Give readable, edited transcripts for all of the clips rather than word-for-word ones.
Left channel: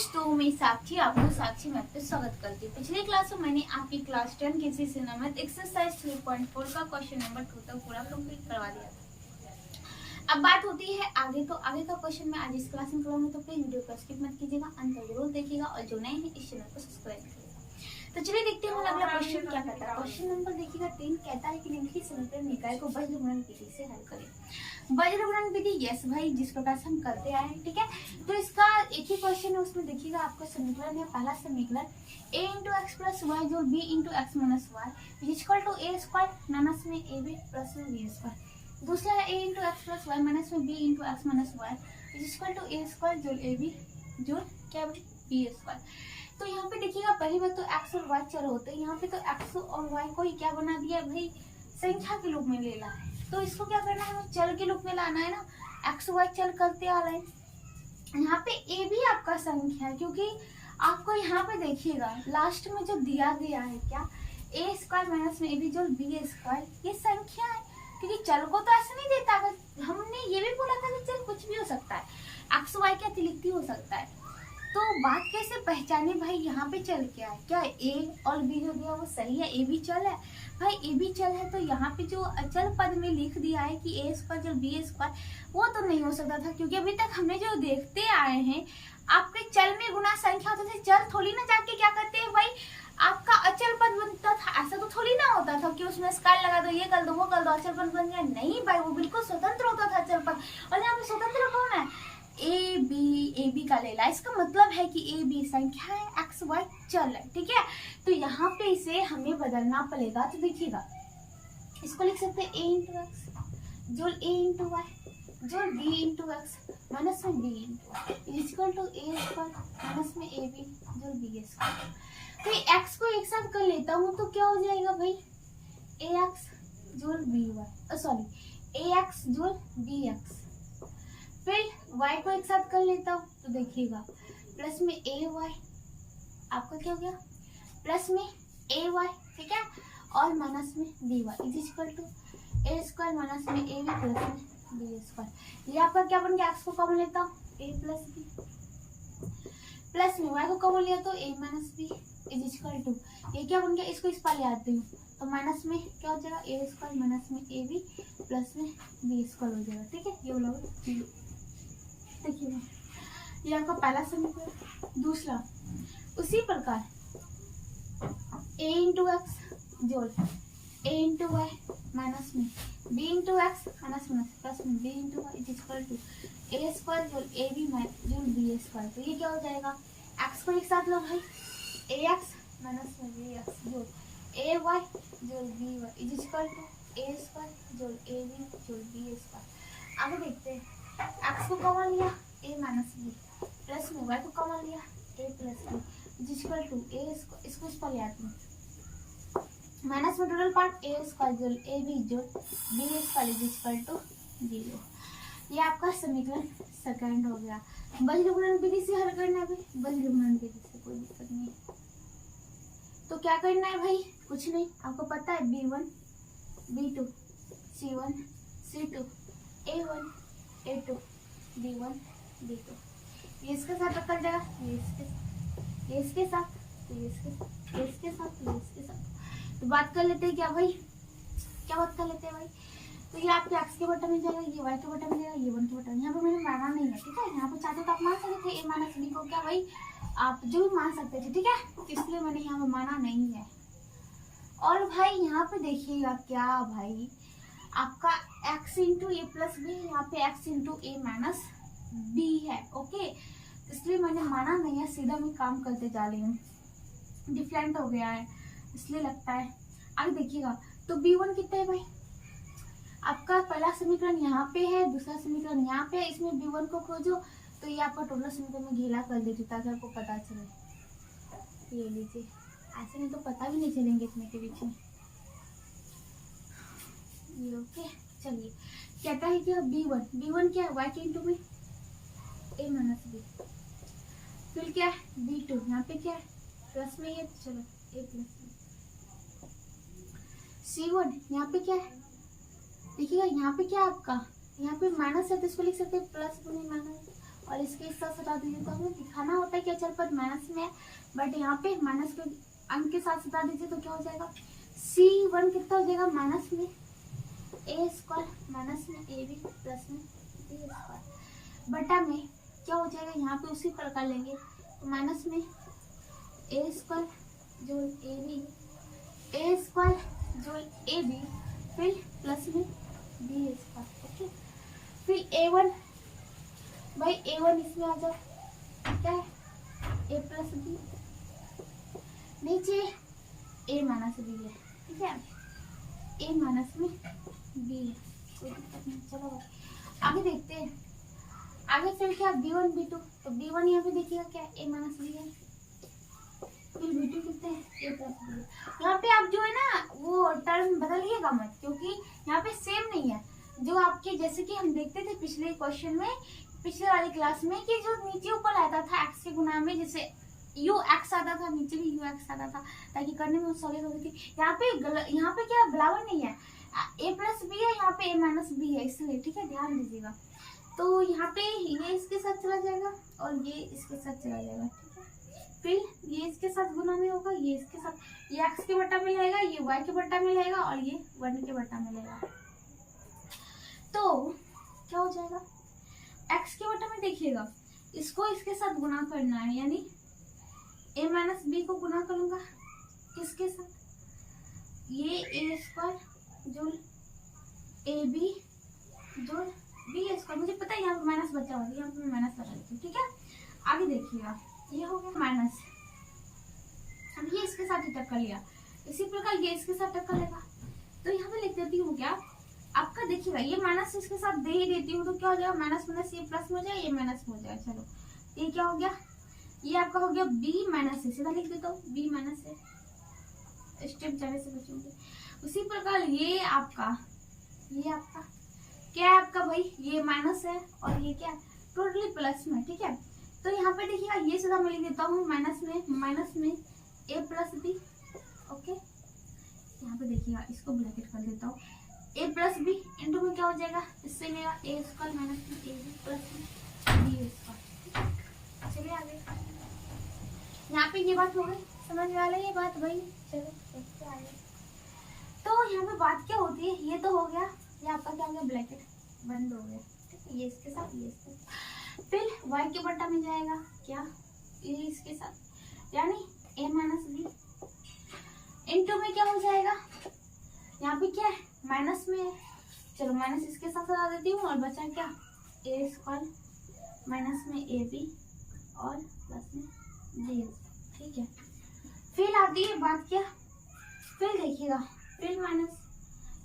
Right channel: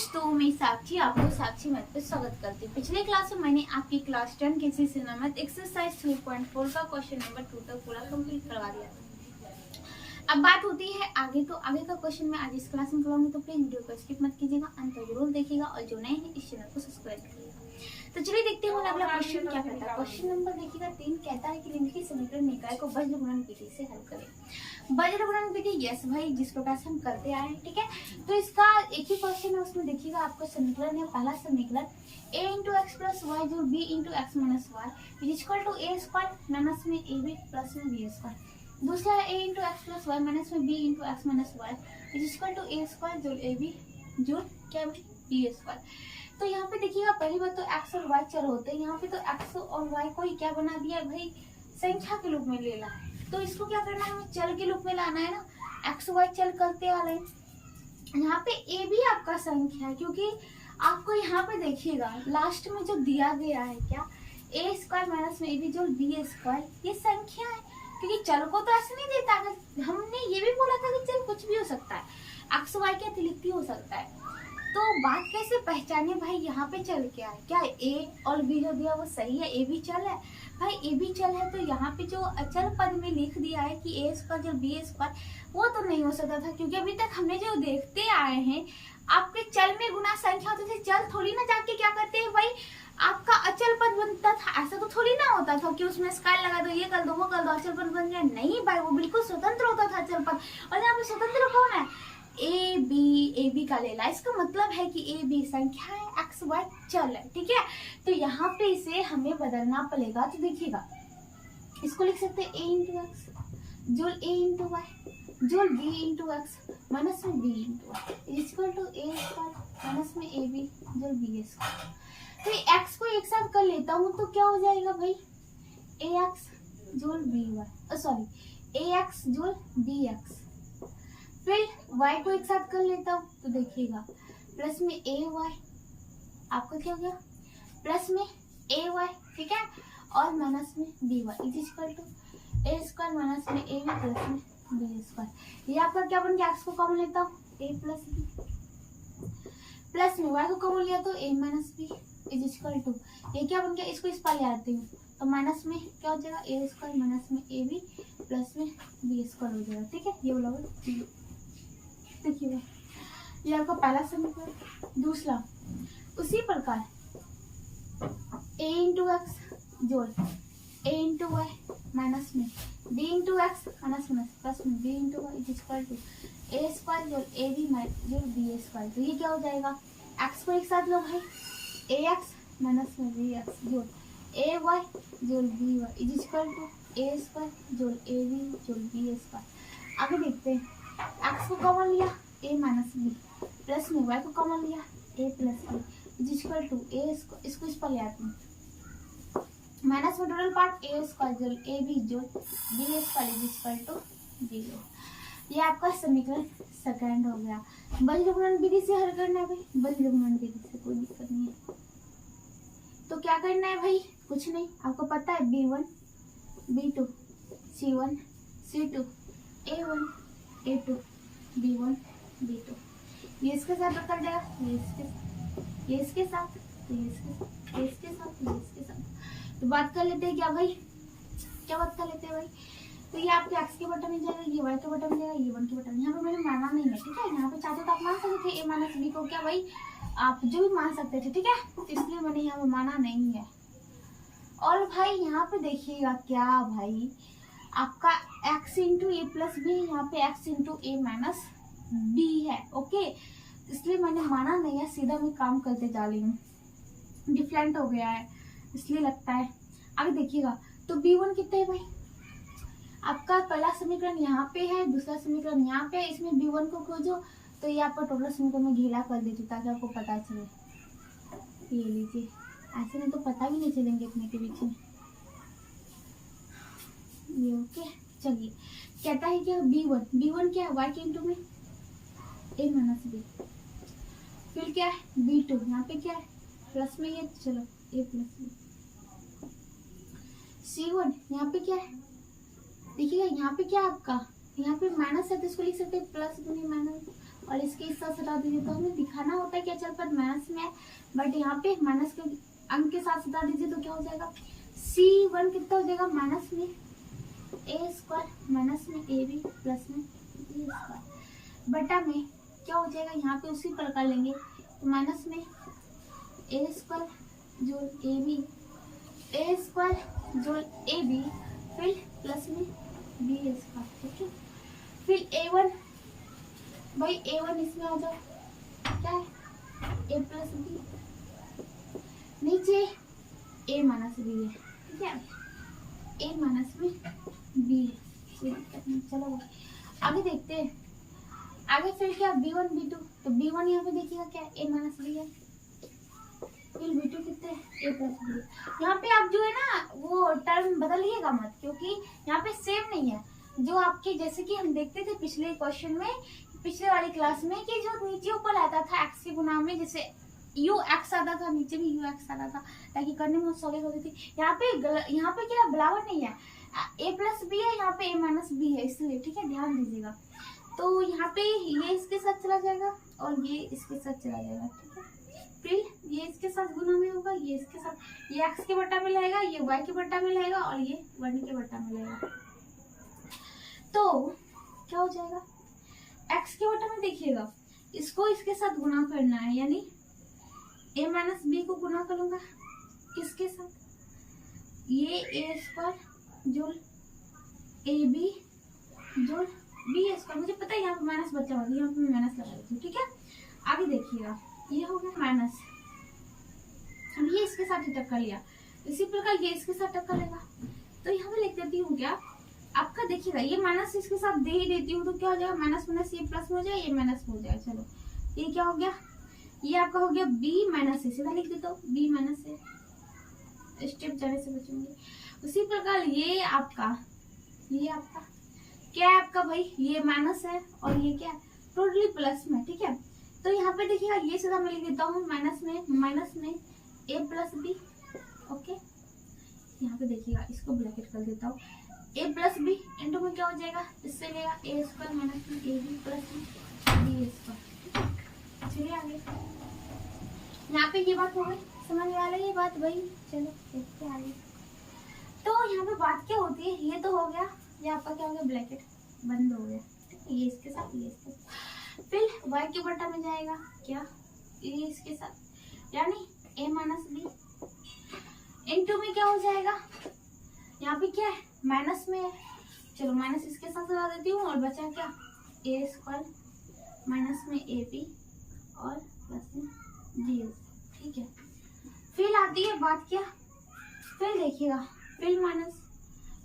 दोस्तों, मैं साक्षी आपको साक्षी मैथ पे स्वागत करती हूँ। पिछले क्लास में मैंने आपकी क्लास 10 केसीसी मैथ एक्सरसाइज 3.4 का क्वेश्चन नंबर 2 तक पूरा कंप्लीट करवा दिया था। अब बात होती है आगे, तो आगे का क्वेश्चन मैं आज इस क्लास में करवाऊंगी, तो प्लीज वीडियो को स्किप मत कीजिएगा, अंत तक जरूर देखिएगा और जो नए हैं इस चैनल को सब्सक्राइब करिएगा। तो चलिए देखते हैं अगला क्वेश्चन क्या कहता है। क्वेश्चन नंबर देखिएगा 3 कहता है कि निम्नलिखित समीकरण निकाय को वज्र गुणन विधि से हल करें। वज्र गुणन विधि, यस भाई, जिस प्रकार से हम करते आए हैं, ठीक है। तो इसका एक ही क्वेश्चन है, उसमें देखिएगा आपको समीकरण है। पहला समीकरण a into X plus Y जो b into X minus Y is equal to a square minus में ए बी प्लस में बी स्क्वायर। दूसरा है a into X plus Y minus में b into X minus Y is equal to a square जो A B जो क्या है B square. तो यहाँ पे देखिएगा पहली बात तो x और y चर होते हैं, यहाँ पे तो x और y को ही क्या बना दिया है भाई, संख्या के रूप में लेना है। तो इसको क्या करना है, हमें चल के रूप में लाना है ना, एक्स वाई चल करते आ रहे हैं। यहाँ पे ए भी आपका संख्या है, क्योंकि आपको यहाँ पे देखिएगा लास्ट में जो दिया गया है क्या, ए स्क्वायर माइनस में ए बी जो बी स्क्वायर, ये संख्या है। क्योंकि चल को तो ऐसे नहीं देता, अगर हमने ये भी बोला था कि चल कुछ भी हो सकता है, एक्स वाई के अतिरिक्त ही हो सकता है। तो बात कैसे पहचाने भाई, यहाँ पे चल क्या है, क्या ए और बी जो दिया वो सही है, ए भी चल है भाई, ए भी चल है। तो यहाँ पे जो अचल पद में लिख दिया है कि ए स्क्वायर जो बी स्क्वायर, वो तो नहीं हो सकता था, क्योंकि अभी तक हमने जो देखते आए हैं आपके चल में गुना संख्या होती थी, चल थोड़ी ना जाके क्या करते हैं भाई आपका अचल पद बनता था। ऐसा तो थोड़ी ना होता था कि उसमें स्क्वायर लगा दो, ये कर दो वो कर दो, अचल पद बन गया। नहीं भाई, वो बिल्कुल स्वतंत्र होता था अचल पद। और यहाँ पे स्वतंत्र कौन है, ए बी का ले ला, इसका मतलब है कि ए बी संख्या है, एक्स वाई चल है, ठीक है। तो यहाँ पे इसे हमें बदलना पड़ेगा। तो देखिएगा इसको लिख सकते हैं ए इंटू एक्स जोल ए इंटू वाई जोल बी इंटू एक्स माइनस में B into Y equal to A square minus में ए बी जोल बी स्क्वायर। तो एक्स को एक साथ कर लेता हूँ तो क्या हो जाएगा भाई, ए एक्स जोल बी वाई, सॉरी ए एक्स जोल बी एक्स। फिर y को एक साथ कर लेता हूँ तो देखिएगा प्लस में ए वाई, आपका क्या हो गया प्लस में ए वाई, ठीक है, और माइनस में B Y is equal to A square minus में ए बी प्लस में बी स्क्वायर। ये आपका क्या बन गया, x को कॉमन लेता हूँ ए प्लस बी, प्लस में y को कॉमन लिया तो a minus B is equal to, ये क्या बन गया, इसको इस पर ले आती हूँ तो माइनस में क्या हो जाएगा ए स्क्वायर माइनस में ए बी प्लस में बी स्क्वायर हो जाएगा, ठीक है। ये वाला देखिए ये आपका पहला समीकरण। दूसरा उसी प्रकार a इंटू एक्स जोड़ a इंटू वाई माइनस में b इंटू एक्स माइनस में प्लस में b into Y is equal to A square जोड़ ए बी जोड़ बी स्क्वायर। तो ये क्या हो जाएगा, x को एक साथ लो भाई, ए एक्स माइनस में बी एक्स जोड़ ए वाई जोड़ b Y is equal to A square जोड़ ए बी जोड़ बी स्क्वायर। आगे देखते हैं, x को कॉमन लिया a माइनस बी प्लस में y को कॉमन लिया a plus b is equal to a, इसको इस पर ले आती हूँ माइनस में टोटल पार्ट ए स्क्वायर जोड़ ए बी जोड़ B square is equal to 0। ये आपका समीकरण सेकंड हो गया। वज्र गुणन विधि से हल करना है भाई, वज्र गुणन विधि से कोई दिक्कत नहीं है। तो क्या करना है भाई, कुछ नहीं, आपको पता है b1 b2 c1 c2 a1 a2 b1 b2, ये इसके साथ रखा जाएगा, ये इसके साथ, तो ये इसके साथ। तो बात कर लेते हैं क्या भाई, क्या बात कर लेते हैं भाई। तो ये आपके एक्स के बटन में जाएगा, ये वाई के बटन में जाएगा, ये वन के बटन में। यहाँ पे मैंने माना नहीं है, ठीक है। यहाँ पे चाहते तो आप मान सकते थे ए माइनस बी को, क्या भाई आप जो भी मान सकते थे, ठीक है, इसलिए मैंने यहाँ पे माना नहीं है। और भाई यहाँ पे देखिएगा क्या भाई, आपका x इंटू ए प्लस बी, यहाँ पे x इंटू ए माइनस बी है, ओके, इसलिए मैंने माना नहीं है, सीधा मैं काम करते जा रही हूँ, डिफरेंट हो गया है इसलिए लगता है। आगे देखिएगा तो b1 कितना है भाई, आपका पहला समीकरण यहाँ पे है, दूसरा समीकरण यहाँ पे, इसमें b1 को खोजो। तो ये आपका टोटल समीकरण में घेला कर देती ताकि आपको पता चले। ये लीजिए, ऐसे नहीं तो पता भी नहीं चलेंगे इतने के बीच में। ये ओके, चलिए कहता है क्या b1 क्या है, y के इंटू में a माइनस बी, फिर क्या है b2, यहाँ पे क्या है प्लस में ये, चलो a प्लस बी, c1 यहाँ पे क्या है, देखिएगा यहाँ पे क्या आपका, यहाँ पे माइनस है तो इसको लिख सकते हैं प्लस गुने माइनस, और इसके इस साथ हटा दीजिए। तो हमें दिखाना होता है कि अचल पद माइनस में है, बट यहाँ पे माइनस के अंक के साथ हटा दीजिए तो क्या हो जाएगा, C1 कितना हो जाएगा माइनस में A² माइनस में AB प्लस में B² बटा में क्या हो जाएगा, यहाँ पे उसी प्रकार लेंगे तो माइनस में A² जोड़ AB, A² जोड़ AB, फिर प्लस में B²। ओके, फिर A1 भाई A1 इसमें आ जाए, क्या है A प्लस B, नीचे A माइनस B है, ठीक है, A माइनस में B है, कोई दिक्कत नहीं। चलो भाई आगे देखते हैं। आगे फिर क्या B1 B2, तो B1 यहाँ पे देखिएगा क्या A माइनस B है, फिर B2 कितने है A प्लस B है। यहाँ पे आप जो है ना वो टर्म बदलिएगा मत, क्योंकि यहाँ पे सेम नहीं है जो आपके, जैसे कि हम देखते थे पिछले क्वेश्चन में, पिछले वाली क्लास में, कि जो नीचे ऊपर आता था x के गुना में, जैसे UX आता था, नीचे भी UX आता था, ताकि करने में सॉलिड होती थी। यहाँ पे क्या बराबर नहीं है, A प्लस B है, यहाँ पे A माइनस B है, इसलिए ठीक है ध्यान दीजिएगा। तो यहाँ पे ये इसके साथ चला जाएगा और ये इसके साथ चला जाएगा, ठीक है, फिर ये इसके साथ गुना में होगा, ये इसके साथ, ये x के बट्टा में रहेगा, ये y के बट्टा में रहेगा और ये 1 के बट्टा में रहेगा। तो क्या हो जाएगा, x के बट्टा में देखिएगा, इसको इसके साथ गुना करना है, यानी A माइनस B को गुना करूंगा किसके साथ, ये A² जोड़ AB जोड़ B²। मुझे पता है यहाँ पे माइनस बचा होगा, यहाँ पे माइनस लगा देती हूँ, ठीक है। आगे देखिएगा, ये हो गया माइनस, हम ये इसके साथ ही टक्कर लिया, इसी प्रकार ये इसके साथ टक्कर लेगा। तो यहाँ पे लिख देती हूँ क्या आपका, देखिएगा ये माइनस इसके साथ दे ही देती हूँ, तो क्या हो जाएगा माइनस माइनस ये प्लस में हो जाएगा, ये माइनस में हो जाएगा। चलो ये क्या हो गया, ये आपका हो गया B माइनस A, सीधा लिख देता हूँ B माइनस A, स्टेप जाने से बचेंगे। उसी प्रकार ये आपका क्या है आपका भाई, ये माइनस है और ये क्या है टोटली प्लस में, ठीक है। तो यहाँ पे देखिएगा ये सीधा मैं लिख देता हूँ माइनस में A प्लस B, ओके। यहाँ पे देखिएगा इसको ब्रैकेट कर देता हूँ, A प्लस B इंटू में क्या हो जाएगा, इससे लेगा A² माइनस में AB प्लस में B²। चलिए आगे, यहाँ पे ये बात हो गई, समझ में आ रही है बात भाई। चलो देखते हैं आगे। तो यहाँ पे बात क्या होती है, ये तो हो गया, ये आपका क्या हो गया ब्रैकेट बंद हो गया, ये इसके साथ ये इसके साथ, फिर y के बट्टा में जाएगा क्या, ये इसके साथ, यानी A माइनस B इंटू में क्या हो जाएगा, यहाँ पे क्या है माइनस में है, चलो माइनस इसके साथ लगा देती हूँ और बचा क्या A² माइनस में AB और प्लस में B, ठीक है। फिर आती है बात क्या, फिर देखिएगा फिर माइनस,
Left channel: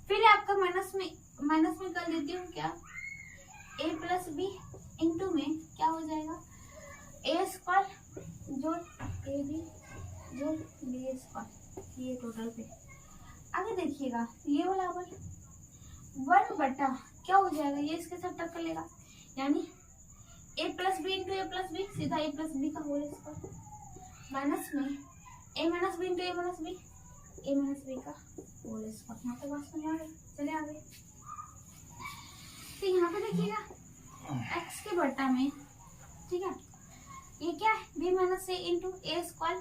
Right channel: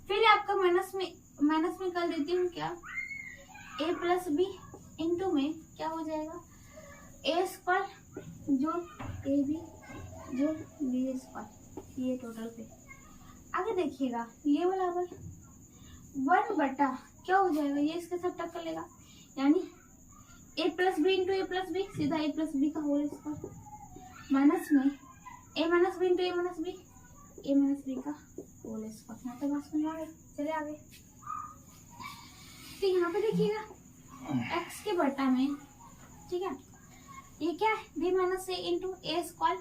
फिर आपका माइनस में कर देती हूँ क्या A प्लस B इंटू में क्या हो जाएगा A² जोड़ AB जोड़ B², ये टोटल पे। आगे देखिएगा ये वाला 1 बटा क्या हो जाएगा, ये इसके साथ टक्कर लेगा, यानी A plus B into A plus B, सीधा A प्लस B का होल स्क्वायर, माइनस में A minus B into A minus B, A minus B का होल स्क्वायर। यहाँ पे बात समझ आ गई, चले आगे। तो यहाँ पे देखिएगा x के बट्टा में, ठीक है, ये क्या है B minus A into A²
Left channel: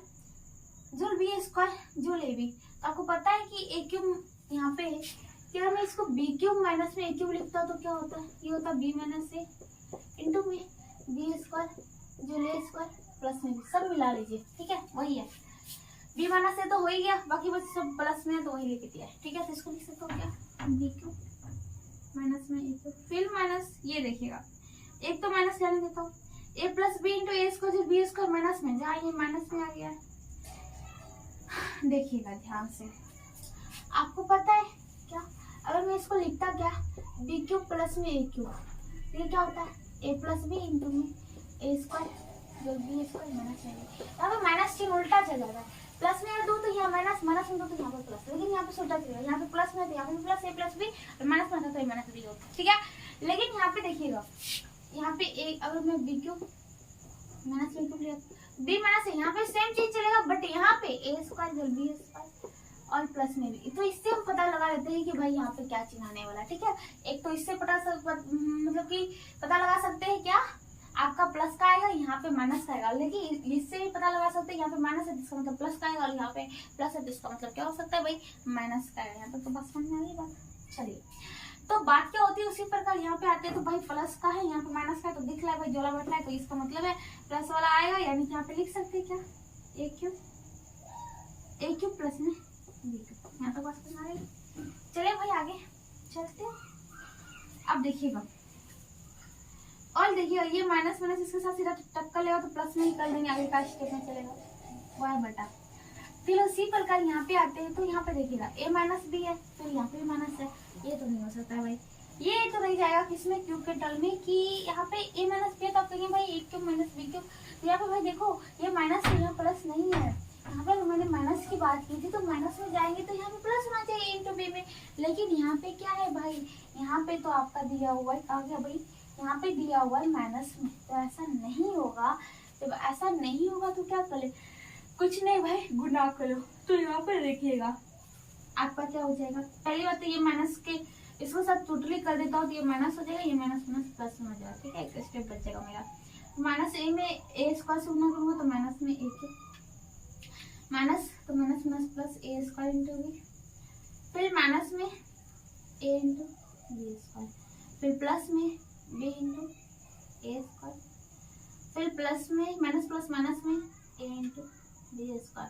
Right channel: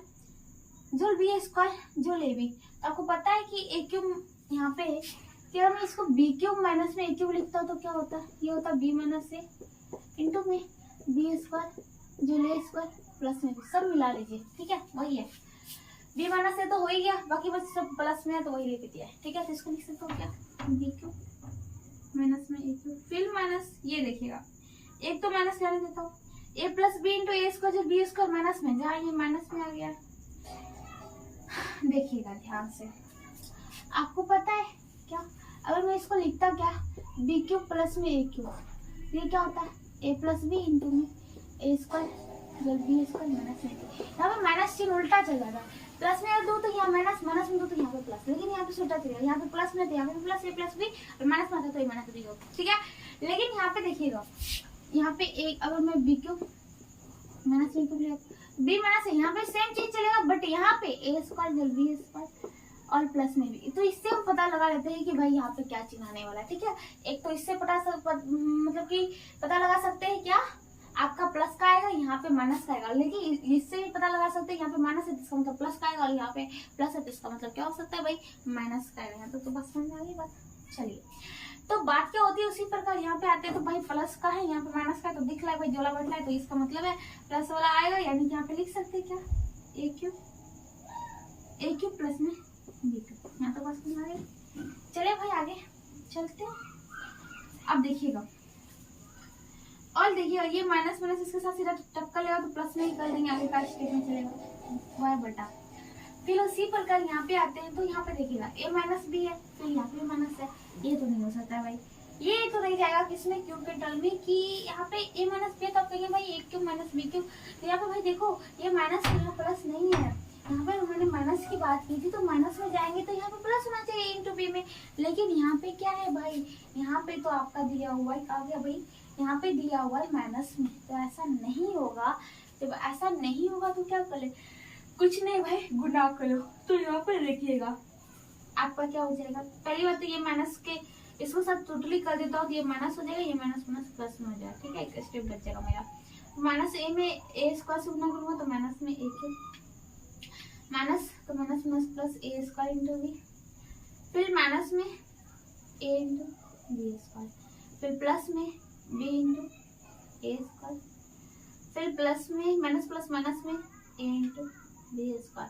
जोड़ B² जोड़ AB। तो आपको पता है कि A³ यहाँ पे क्या, मैं इसको B³ माइनस में A³ लिखता हूँ तो क्या होता है, ये होता है B माइनस A इंटू में B² जोड़ A² प्लस में सब मिला लीजिए, ठीक है, वही है B माइनस A तो हो ही गया, बाकी बस सब प्लस में है तो वही लेके दिया है, ठीक है। तो इसको लिख सकता हूँ क्या B³ माइनस में A³, फिर माइनस, ये देखिएगा एक तो माइनस जाने देता हूँ, A plus B into A² जो B² माइनस में, जहाँ ये माइनस में आ गया, देखिएगा ध्यान से, आपको पता है क्या, अगर मैं इसको लिखता क्या B³ प्लस में A³, ये क्या होता है A प्लस B इंटू में A² जो B² माइनस में, यहाँ पे माइनस चिन्ह उल्टा चल जाता है, प्लस में दो तो यहाँ माइनस, माइनस में दो तो यहाँ पे प्लस, लेकिन यहाँ पे उल्टा चलेगा, यहाँ पे प्लस में तो यहाँ पे प्लस A प्लस B और माइनस में था तो A माइनस B होता, ठीक है। लेकिन यहाँ पे देखिएगा, यहाँ पे एक अगर मैं B³ माइनस B³ ले B माइनस यहाँ पे सेम चीज चलेगा, बट यहाँ पे A² जल्दी B² और प्लस में भी, तो इससे हम पता लगा लेते हैं कि भाई यहाँ पे क्या चिन्ह आने वाला है, ठीक है। एक तो इससे मतलब कि पता लगा सकते हैं क्या आपका प्लस का आएगा, यहाँ पे माइनस का आएगा। लेकिन इससे भी पता लगा सकते हैं यहाँ पे माइनस है जिसका मतलब प्लस का आएगा, और यहाँ पे प्लस है जिसका मतलब क्या हो सकता है भाई, माइनस का आएगा। तो बस समझ में आ गई बात। चलिए, तो बात क्या होती है उसी प्रकार यहाँ पे आते हैं। तो भाई प्लस का है, यहाँ पे माइनस का है, तो दिख रहा है भाई जोड़ा बढ़ रहा है, तो इसका मतलब है प्लस वाला आएगा, यानी कि यहाँ पे लिख सकते हैं क्या, ए क्यूब प्लस में बी क्यूब। यहाँ तो बस समझ आ गई। चलिए भाई आगे चलते हैं। अब देखिएगा, और देखिएगा ये माइनस माइनस इसके साथ सीधा टक्कर लेगा तो प्लस में ही कर देंगे, आगे का स्टेप में चलेगा वाई बटा। फिर उसी प्रकार यहाँ पे आते हैं, तो यहाँ पे देखिएगा a माइनस बी है, फिर यहाँ पे माइनस है, ये तो नहीं हो सकता है भाई, ये तो नहीं जाएगा किसमें, क्यूब के टर्म में, कि यहाँ पे a माइनस बी है, तो आप कहेंगे भाई a cube minus B cube. तो यहाँ पे भाई देखो ये माइनस है, प्लस नहीं है। यहाँ पे मैंने माइनस की बात की थी, तो माइनस में जाएंगे तो यहाँ पे प्लस होना चाहिए इंटू बी में, लेकिन यहाँ पे क्या है भाई, यहाँ पे तो आपका दिया हुआ है, आ गया भाई, यहाँ पे दिया हुआ है माइनस में, तो ऐसा नहीं होगा। जब ऐसा नहीं होगा तो क्या करें, कुछ नहीं भाई, गुना करो। तो यहाँ पे देखिएगा आपका क्या हो जाएगा, पहली बात तो ये माइनस के इसको सब टोटली कर देता हूँ, तो ये माइनस हो जाएगा, ये माइनस माइनस प्लस में हो जाएगा। ठीक है, एक स्टेप बचेगा मेरा। माइनस ए में ए स्क्वायर से गुना करूंगा तो माइनस में ए क्यूब, माइनस तो माइनस माइनस प्लस ए स्क्वायर इंटू बी, फिर माइनस में ए इंटू बी स्क्वायर, फिर प्लस में बी इंटू ए स्क्वायर, फिर प्लस में माइनस प्लस माइनस में ए इंटू बी स्क्वायर,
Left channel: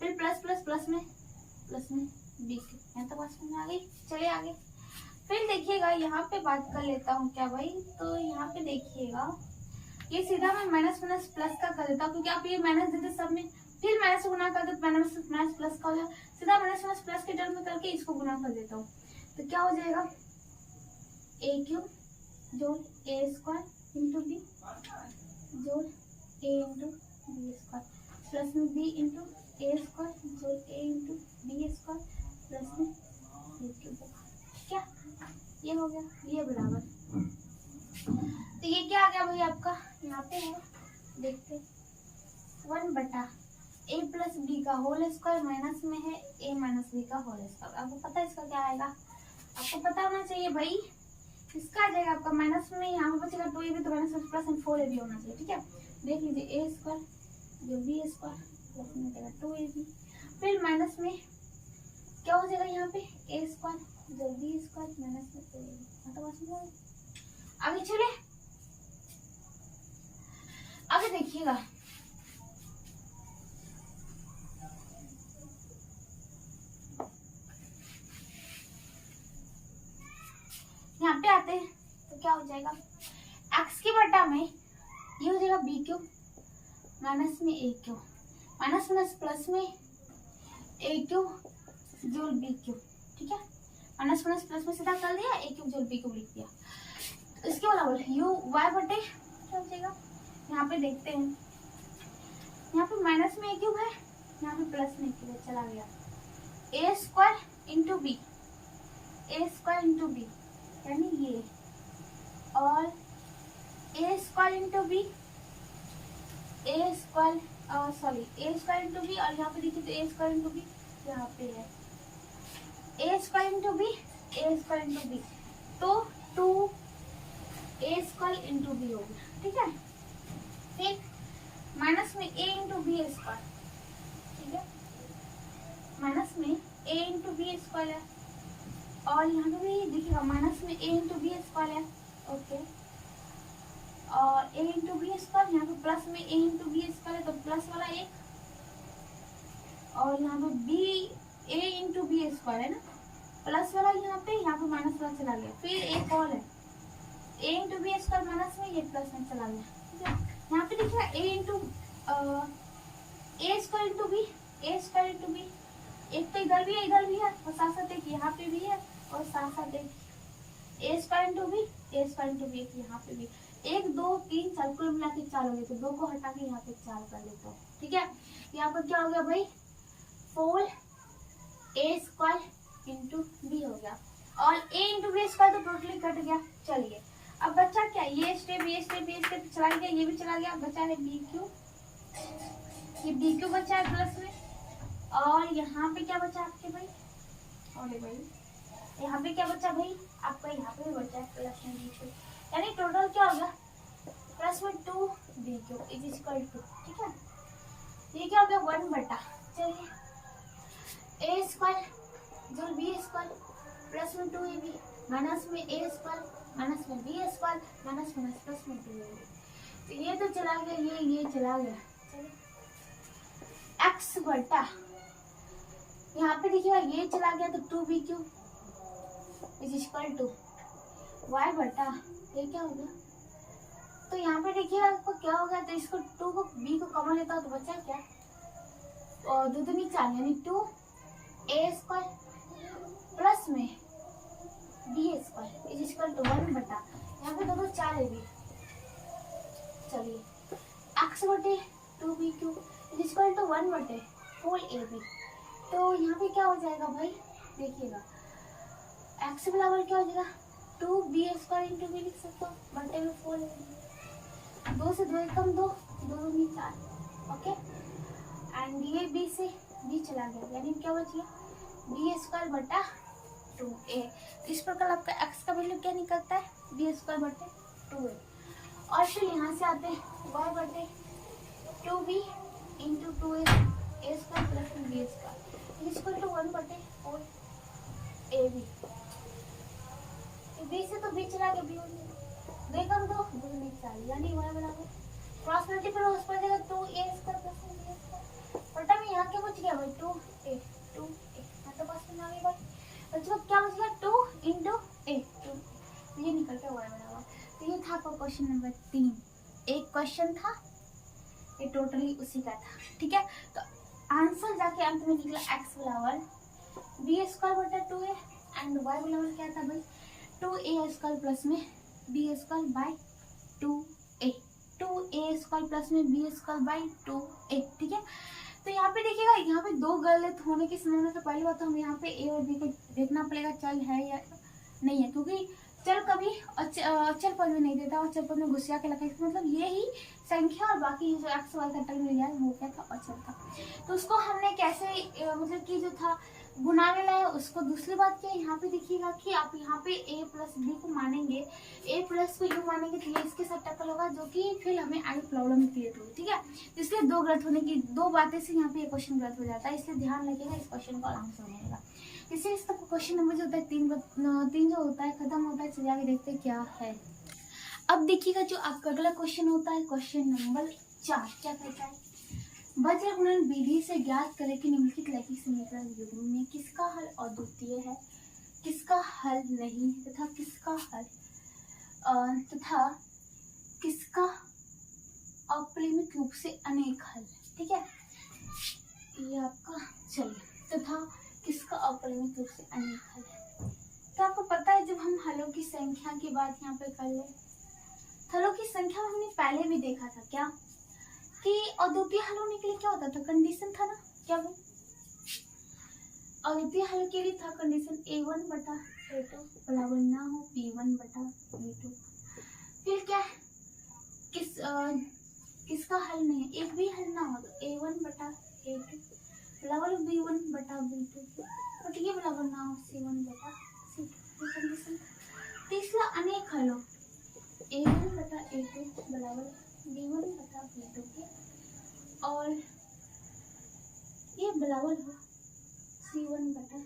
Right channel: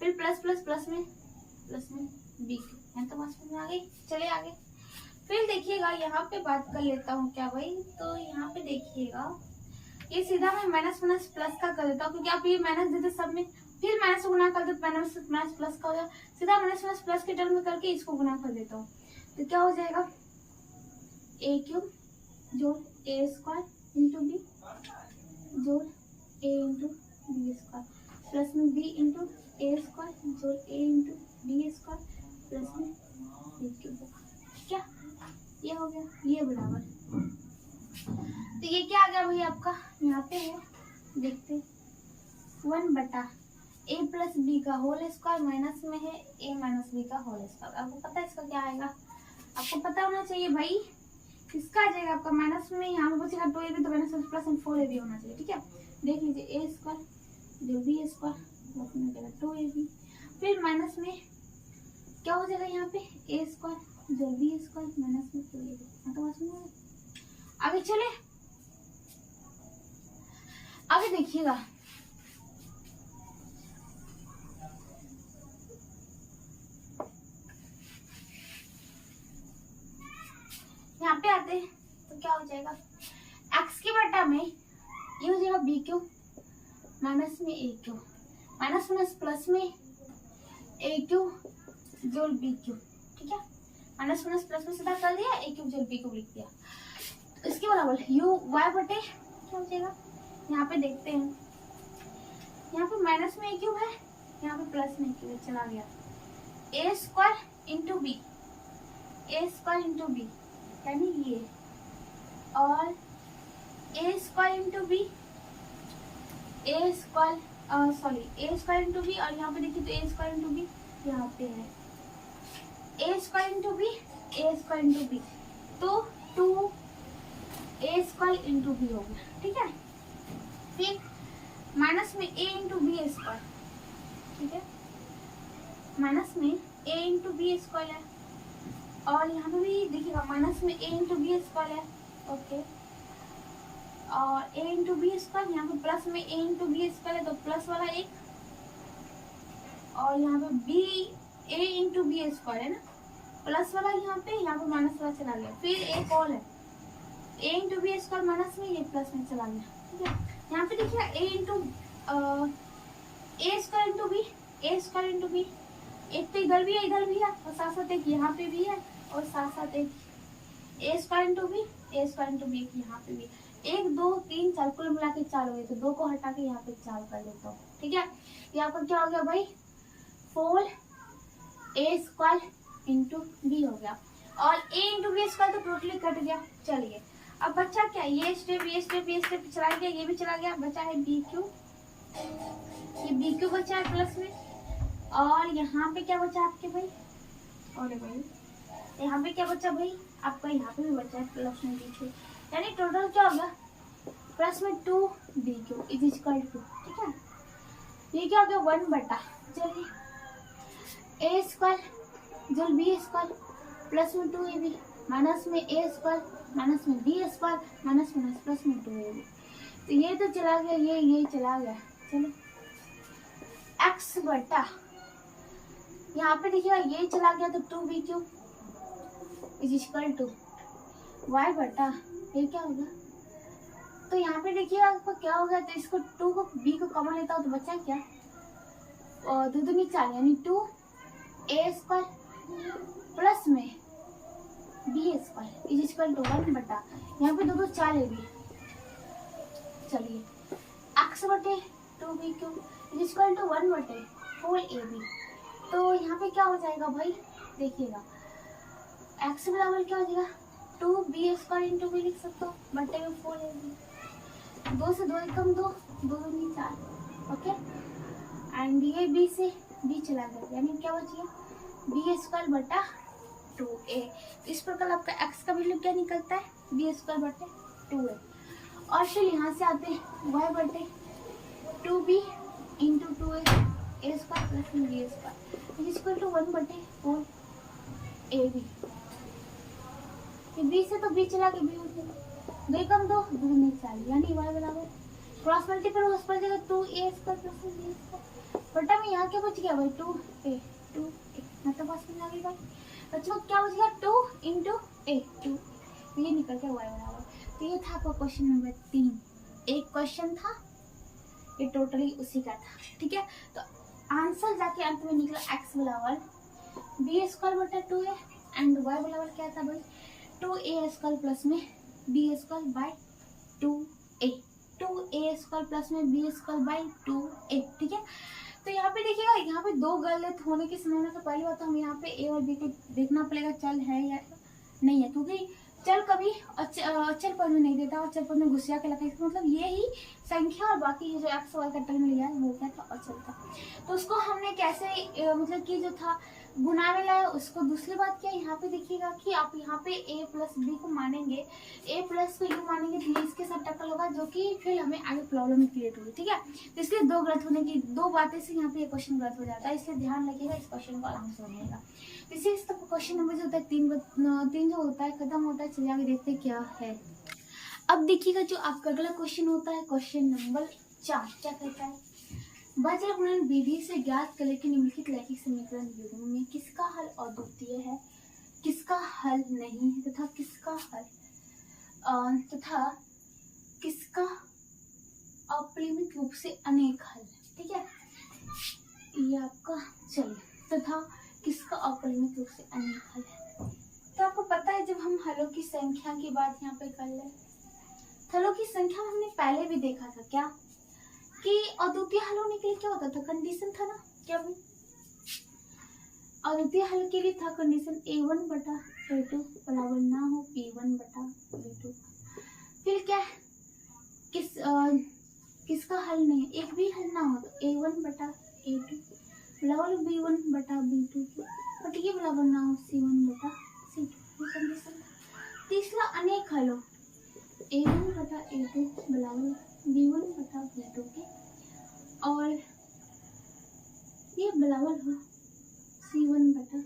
फिर प्लस प्लस प्लस में बी क्यूब। मैं तो बात समझ में आ गई। चलिए आगे, फिर देखिएगा यहाँ पे बात कर लेता हूँ क्या भाई, तो यहाँ पे देखिएगा ये सीधा मैं माइनस माइनस प्लस का कर देता हूँ, क्योंकि आप ये माइनस देते सब में, फिर माइनस से गुना कर देते, माइनस माइनस प्लस का हो गया, सीधा माइनस माइनस प्लस के टर्म में करके इसको गुना कर देता हूँ। तो क्या हो जाएगा, ए क्यूब जोड़ ए स्क्वायर इंटू बी जोड़ ए इंटू बी स्क्वायर, प्लस में बी इंटू ए स्क्वायर जोड़ ए इंटू बी स्क्वायर, प्लस में बी क्यूब। क्या ये हो गया, ये बराबर, तो ये क्या आ गया भाई आपका, यहाँ पे है देखते 1 बटा ए प्लस बी का होल स्क्वायर, माइनस में है ए माइनस बी का होल स्क्वायर। आपको पता है इसका क्या आएगा, आपको पता होना चाहिए भाई, इसका आ जाएगा आपका माइनस में, यहाँ पे बचेगा 2ab, तो माइनस प्लस 4ab होना चाहिए। ठीक है, देख लीजिए ए स्क्वायर जो बी स्क्वायर प्लस में जाएगा 2ab, फिर माइनस में क्या हो जाएगा यहाँ पे ए स्क्वायर जो बी स्क्वायर माइनस में 2ab। मतलब समझ आगे चले, आगे देखिएगा यहाँ पे आते हैं, तो क्या हो जाएगा, x की बटा में ये हो जाएगा बी क्यूब माइनस में ए क्यूब, माइनस माइनस प्लस में ए क्यूब जोड़ बी क्यूब। ठीक है, माइनस माइनस प्लस में सीधा कर दिया, ए क्यूब जोड़ बी क्यूब लिख दिया। इसके बराबर यू वाई बटे क्या हो जाएगा, यहाँ पे देखते हैं, यहाँ पे माइनस में ए क्यूब है, यहाँ पे प्लस में ए क्यूब है, चला गया ए स्क्वायर इंटू बी, ए स्क्वायर इंटू बी यानी ये, और ए स्क्वायर इंटू बी, ए स्क्वायर सॉरी ए स्क्वायर इंटू बी, और यहाँ पे देखिए तो ए स्क्वायर इंटू बी यहाँ पे है, ए स्क्वायर इंटू बी, ए स्क्वायर इंटू बी, तो 2 ए स्क्वायर इंटू बी हो गया। ठीक है, फिर माइनस में ए इंटू बी स्क्वायर, ठीक है, माइनस में ए इंटू बी स्क्वायर है, और यहाँ पे भी देखिएगा माइनस में ए इंटू बी स्क्वायर है। ओके, और ए इंटू बी स्क्वायर, यहाँ पे प्लस में ए इंटू बी स्क्वायर है, तो प्लस वाला एक, और यहाँ पे बी ए इंटू बी स्क्वायर है ना, प्लस वाला यहाँ पे माइनस वाला चला गया, फिर एक और है ए इंटू बी स्क्वायर माइनस में, ये प्लस में चला गया। ठीक है, यहाँ पे देखिएगा ए into a square into B, A square into B, एक तो इधर भी है और साथ साथ एक यहाँ पे भी है, और साथ साथ एक ए स्क्वायर इंटू बी, ए स्क्वायर इंटू बी, एक यहाँ पे भी, 1 2 3 4 कुल मिला के 4 हो गए, तो 2 को हटा के यहाँ पे 4 कर लेता हूँ। ठीक है, यहाँ पर क्या हो गया भाई 4 ए स्क्वायर इंटू बी हो गया, और ए इंटू बी स्क्वायर तो टोटली कट गया। चलिए अब बच्चा क्या, ये स्टेप चला गया, ये भी चला गया, बचा है बी क्यू, ये बी क्यू बचा है प्लस में, और यहाँ पे क्या बचा आपके भाई, और भाई यहाँ पे क्या बचा भाई आपका, यहाँ पे भी बचा है प्लस में बी क्यू, यानी टोटल क्या हो गया प्लस में 2bq इज इक्वल टू, ठीक है, ये क्या हो गया 1 बटा, चलिए a स्क्वायर जो b स्क्वायर प्लस में 2ab माइनस में a स्क्वायर माइनस में b square minus minus plus में 2ab, तो ये तो चला गया, ये चला गया, चलो x बटा, यहाँ पे देखिएगा ये चला गया तो 2bq is equal to y बटा, ये क्या होगा, तो यहाँ पे देखिएगा आपको क्या होगा, तो इसको 2 को b को कॉमन लेता हूँ तो बचा क्या, और 2 दूनी 4 यानी 2a स्क्वायर प्लस में b square is equal to 1 बटा, यहाँ पे 2 4 है भी, चलिए x बटे 2bq इज इक्वल टू 1 बटे होल ab, तो यहाँ पे क्या हो जाएगा भाई, देखिएगा x बराबर क्या हो जाएगा 2b स्क्वायर इंटू b लिख सकते हो बटे में 4ab, 2 से 2 कम 2 2 दूनी 4, ओके, एंड ये b से b चला गया यानी क्या बच गया b स्क्वायर बटा 2a, इस प्रकार आपका x का वैल्यू क्या निकलता है b स्क्वायर बटे 2a, और फिर यहाँ से आते हैं y बटे 2b into 2a square plus में b square is equal to 1 बटे 4ab, b से तो b चला के b हो गया, 2 कम 2 2 में 4 यानी y बराबर क्रॉस मल्टीपल हो पर जगह 2a square plus b square बटा में यहाँ क्या बच गया भाई 2a मतलब पास में आ गई बात, बच्चों क्या बच गया 2 इंटू a 2, ये निकल गया y बराबर, तो ये था आपका क्वेश्चन नंबर 3, एक क्वेश्चन था ये टोटली उसी का था, ठीक है, तो आंसर जाके अंत में निकला x बराबर b स्क्वायर बटा 2a एंड y बराबर क्या था भाई 2a स्क्वायर प्लस में b square by 2a, 2a square plus में b स्क्वायर बाय 2a, ठीक है, तो यहाँ पे देखिएगा यहाँ पे दो गलत होने की संभावना, तो पहली बात तो हमें यहाँ पे a और b को देखना पड़ेगा चल है या नहीं है, क्योंकि चल कभी अचल पद में नहीं देता और अचल पद में घुसिया के लगा, मतलब ये ही संख्या और बाकी जो एक्स वाई का टर्म लिया वो क्या था अचल था, तो उसको हमने कैसे मतलब कि जो था गुणा में लाया उसको, दूसरी बात क्या यहाँ पे देखिएगा कि आप यहाँ पे a प्लस बी को मानेंगे, a प्लस को यू मानेंगे तो ये इसके साथ टक्कर होगा जो कि फिर हमें आगे प्रॉब्लम क्रिएट हुई, ठीक है, तो इसलिए दो गलत होने की दो बातें से यहाँ पे ये क्वेश्चन गलत हो जाता है, इसलिए ध्यान रखिएगा इस क्वेश्चन को आराम से बनाइएगा। इसी इस तक क्वेश्चन नंबर जो होता है तीन जो होता है खत्म होता है, चलिए आगे देखते हैं क्या है। अब देखिएगा जो आपका अगला क्वेश्चन होता है क्वेश्चन नंबर 4, क्या कहता है, वज्र गुणन विधि से ज्ञात करें कि निम्नलिखित लैखिक समीकरण युग्म में किसका हल अद्वितीय है, किसका हल नहीं है तथा किसका अपरिमित रूप से अनेक हल, ठीक है, ये आपका चलिए तथा किसका अपरिमित रूप से अनेक हल है, तो आपको पता है जब हम हलों की संख्या की बात यहाँ पे कर ले, हलों की संख्या हमने पहले भी देखा था क्या कि अद्वितीय हल होने के लिए क्या होता था, कंडीशन था ना, क्या भाई अद्वितीय हल के लिए था कंडीशन a1 बटा a2 बराबर ना हो p1 बटा b2, फिर क्या है किसका हल नहीं है, एक भी हल ना हो तो a1 बटा a2 बराबर b1 बटा b2 और ये बराबर ना हो c1 बटा c2, ये कंडीशन था। तीसरा अनेक हल हो a1 बटा a2 बराबर b1 बटा b2 के और ये बराबर हो c1 बटा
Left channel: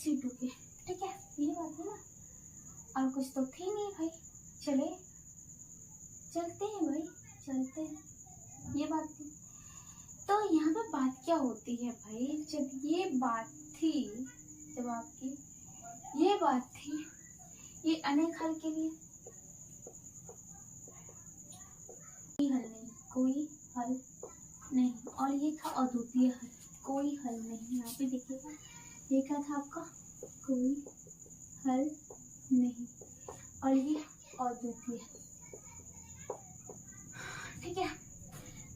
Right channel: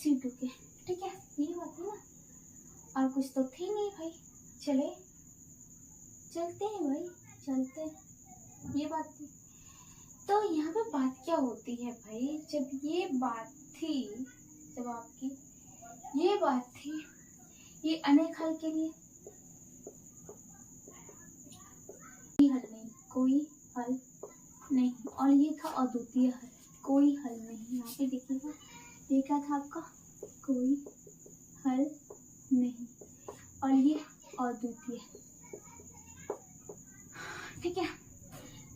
c2 के, ठीक है, ये बात है ना, और कुछ तो थी नहीं भाई, चलते हैं भाई चलते हैं, ये बात थी। तो यहाँ पे बात क्या होती है भाई, जब ये बात थी, जब आपकी ये बात थी ये अनेक हल के लिए कोई हल नहीं, और ये था अद्वितीय हल, कोई हल नहीं, यहाँ पे देखिएगा ये क्या था आपका कोई हल नहीं और ये अद्वितीय, ठीक है,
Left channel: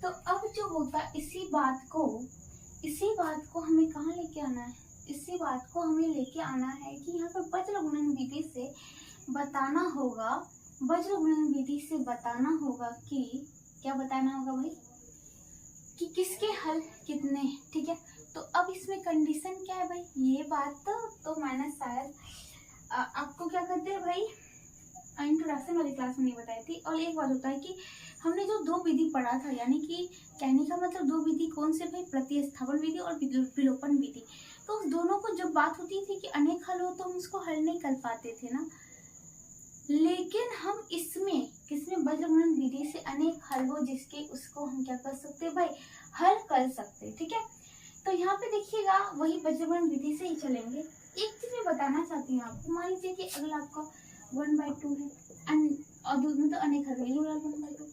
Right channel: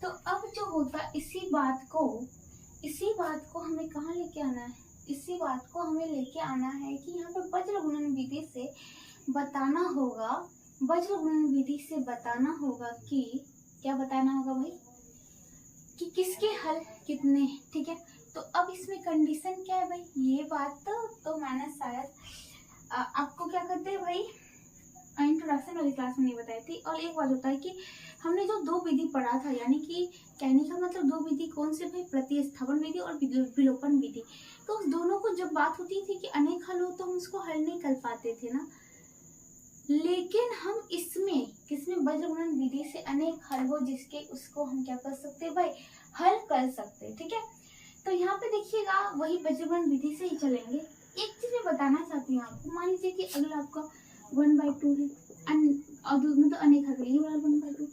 तो अब जो होता इसी बात को हमें कहाँ लेके आना है, इसी बात को हमें लेके आना है कि यहाँ पे वज्र गुणन विधि से बताना होगा, वज्र गुणन विधि से बताना होगा कि क्या बताना होगा भाई कि किसके हल कितने हैं, ठीक है, तो अब इसमें कंडीशन क्या है भाई, ये बात तो मैंने शायद आपको क्या कहते हैं भाई इंट्रोडक्शन वाली क्लास में नहीं बताई थी। और एक बात होता है कि हमने जो दो विधि पढ़ा था, यानी कि कहने का मतलब दो विधि कौन से भाई, प्रतिस्थापन विधि और विलोपन विधि। तो उस दोनों को जब बात होती थी कि अनेक हल हो तो हम उसको हल नहीं कर पाते थे ना, लेकिन हम इसमें किसमें वज्रगुणन विधि से अनेक हल हो जिसके उसको हम क्या कर सकते भाई, हल कर सकते। ठीक है, तो यहाँ पे देखिएगा वही वज्रगुणन विधि से ही चलेंगे। एक चीज मैं बताना चाहती हूँ आपको, मान लीजिए कि अगर आपका 1/2 है और मतलब अनेक हल, ये वाला 1/2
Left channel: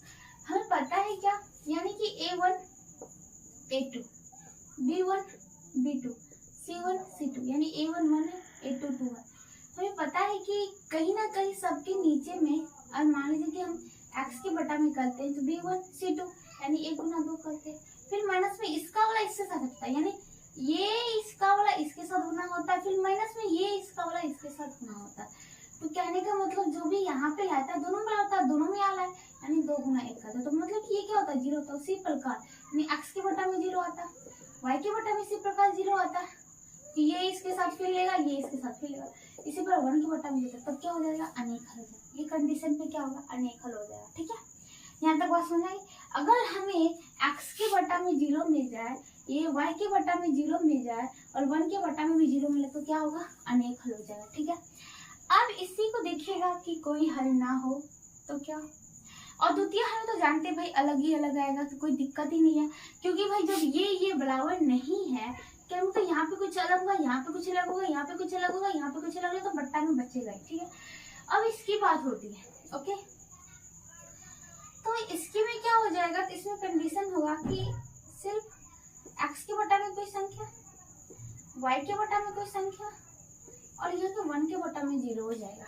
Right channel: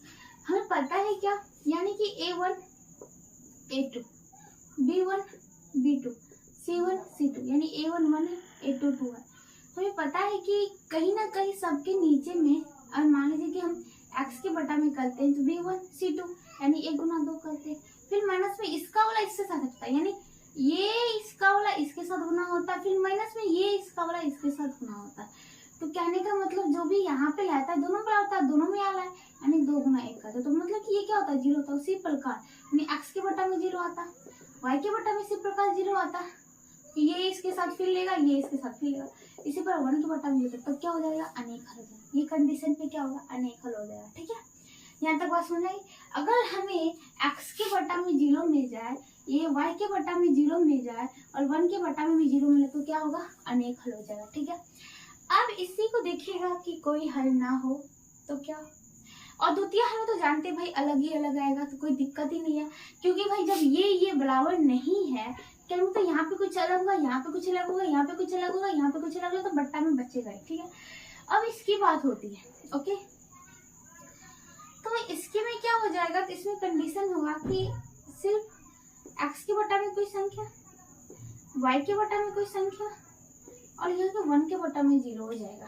हमें पता है क्या, यानी कि A1 A2 B1 B2 C1 C2, यानी A1 1 है A2 2 है। हमें पता है कि कहीं ना कहीं सबके नीचे में, और मान लीजिए कि हम x के बटा में करते हैं तो B1 C2 यानी 1 गुना 2 करते हैं, फिर माइनस में इसका वाला इससे साथ होता है, यानी ये इसका वाला इसके साथ गुना होता है, फिर माइनस में ये इसका वाला इसके साथ गुना होता है। तो कहने का मतलब जो भी यहाँ पे आता है दोनों में आता है, दोनों में आला है, यानी 2 गुना 1 करता है। तो मतलब कि ये क्या होता है, 0 होता है। उसी प्रकार यानी x के बटा में 0 आता है, y के बटा में इसी प्रकार 0 आता है, ये इसके साथ फिर लेगा, ये इसके साथ फिर लेगा, इसी पर 1 के बटा में लेगा, तब क्या हो जाएगा, अनेक हल हो जाएगा। ये कंडीशन पे क्या होगा, अनेक हल हो जाएगा। ठीक है, यहाँ तक बात समझ आई। अगर हमें x के बटा में 0 मिल जाए, ये y के बटा में 0 मिल जाए और 1 के बटा में भी 0 मिले तो क्या होगा, अनेक हल हो जाएगा। ठीक है, अब इसी को देखिएगा कि कोई हल ना हो तो क्या, और द्वितीय हल तो जानते भाई अलग ही अलग आएगा, तो कोई दिक्कत ही नहीं है, क्योंकि भाई जब ये बराबर नहीं है, क्या मतलब यहाँ पे कुछ अलग होगा, यहाँ पे कुछ अलग होगा, यहाँ पे कुछ अलग होगा, यहाँ पे कुछ अलग होगा, तो बट्टा में बचेगा। ठीक है, अब इसकी बात होती है। ओके, तो इसके में क्या हो जाएगा, तो इसमें कंडीशन होगा कि सिर्फ x के बटा में कोई संख्या, y के बटा में कोई संख्या, और यहाँ पे 1 के बटा में 0 हो जाएगा।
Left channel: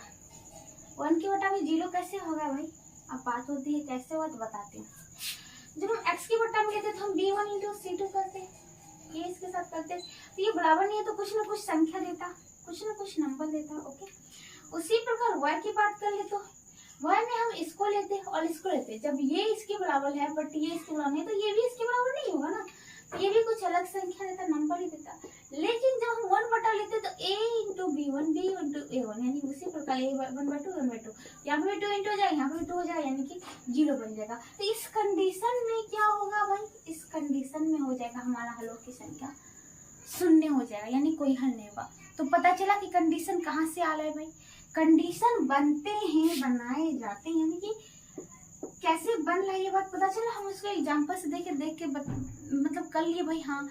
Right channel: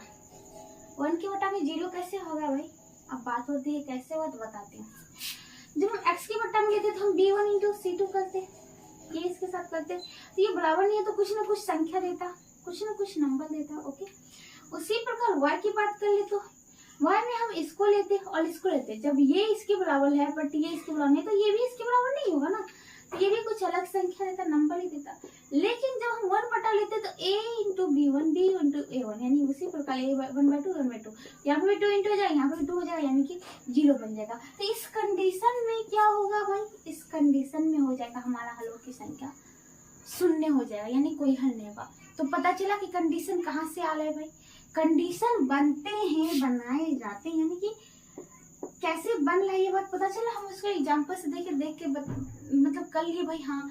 1 के बटा में 0 कैसे होगा भाई, अब बात होती है कैसे हुआ तो बताते हैं। जब हम x के बटा में लेते तो हम B1 इंटू C2 करते, ये इसके साथ करते, तो ये बराबर नहीं है तो कुछ ना कुछ संख्या देता, कुछ ना कुछ नंबर देता। ओके, उसी प्रकार y की बात कर ले तो y में हम इसको लेते और इसको लेते, जब ये इसके बराबर है बट ये इसके बराबर नहीं, तो ये भी इसके बराबर नहीं होगा ना, तो ये भी कुछ अलग संख्या देता, नंबर ही देता। लेकिन जब हम 1 बटा लेते तो a into B1 B into A1, यानी उसी प्रकार a 1/2 1/2, यहाँ पे भी 2 इंटू हो जाएगा, यहाँ पे भी 2 हो जाएगा, यानी कि 0 बन जाएगा। तो इस कंडीशन में क्या होगा भाई, इस कंडीशन में हो जाएगा हमारा हलों की संख्या शून्य हो जाएगा, यानी कोई हल नहीं होगा। तो पता चला कि कंडीशन कहाँ से आ रहा है भाई, कंडीशन बनते हैं, बनाए जाते हैं, यानी कि कैसे बन रहा है ये बात पता चला। हम उसको एग्जाम्पल से देख के मतलब कर लिए भाई। हाँ,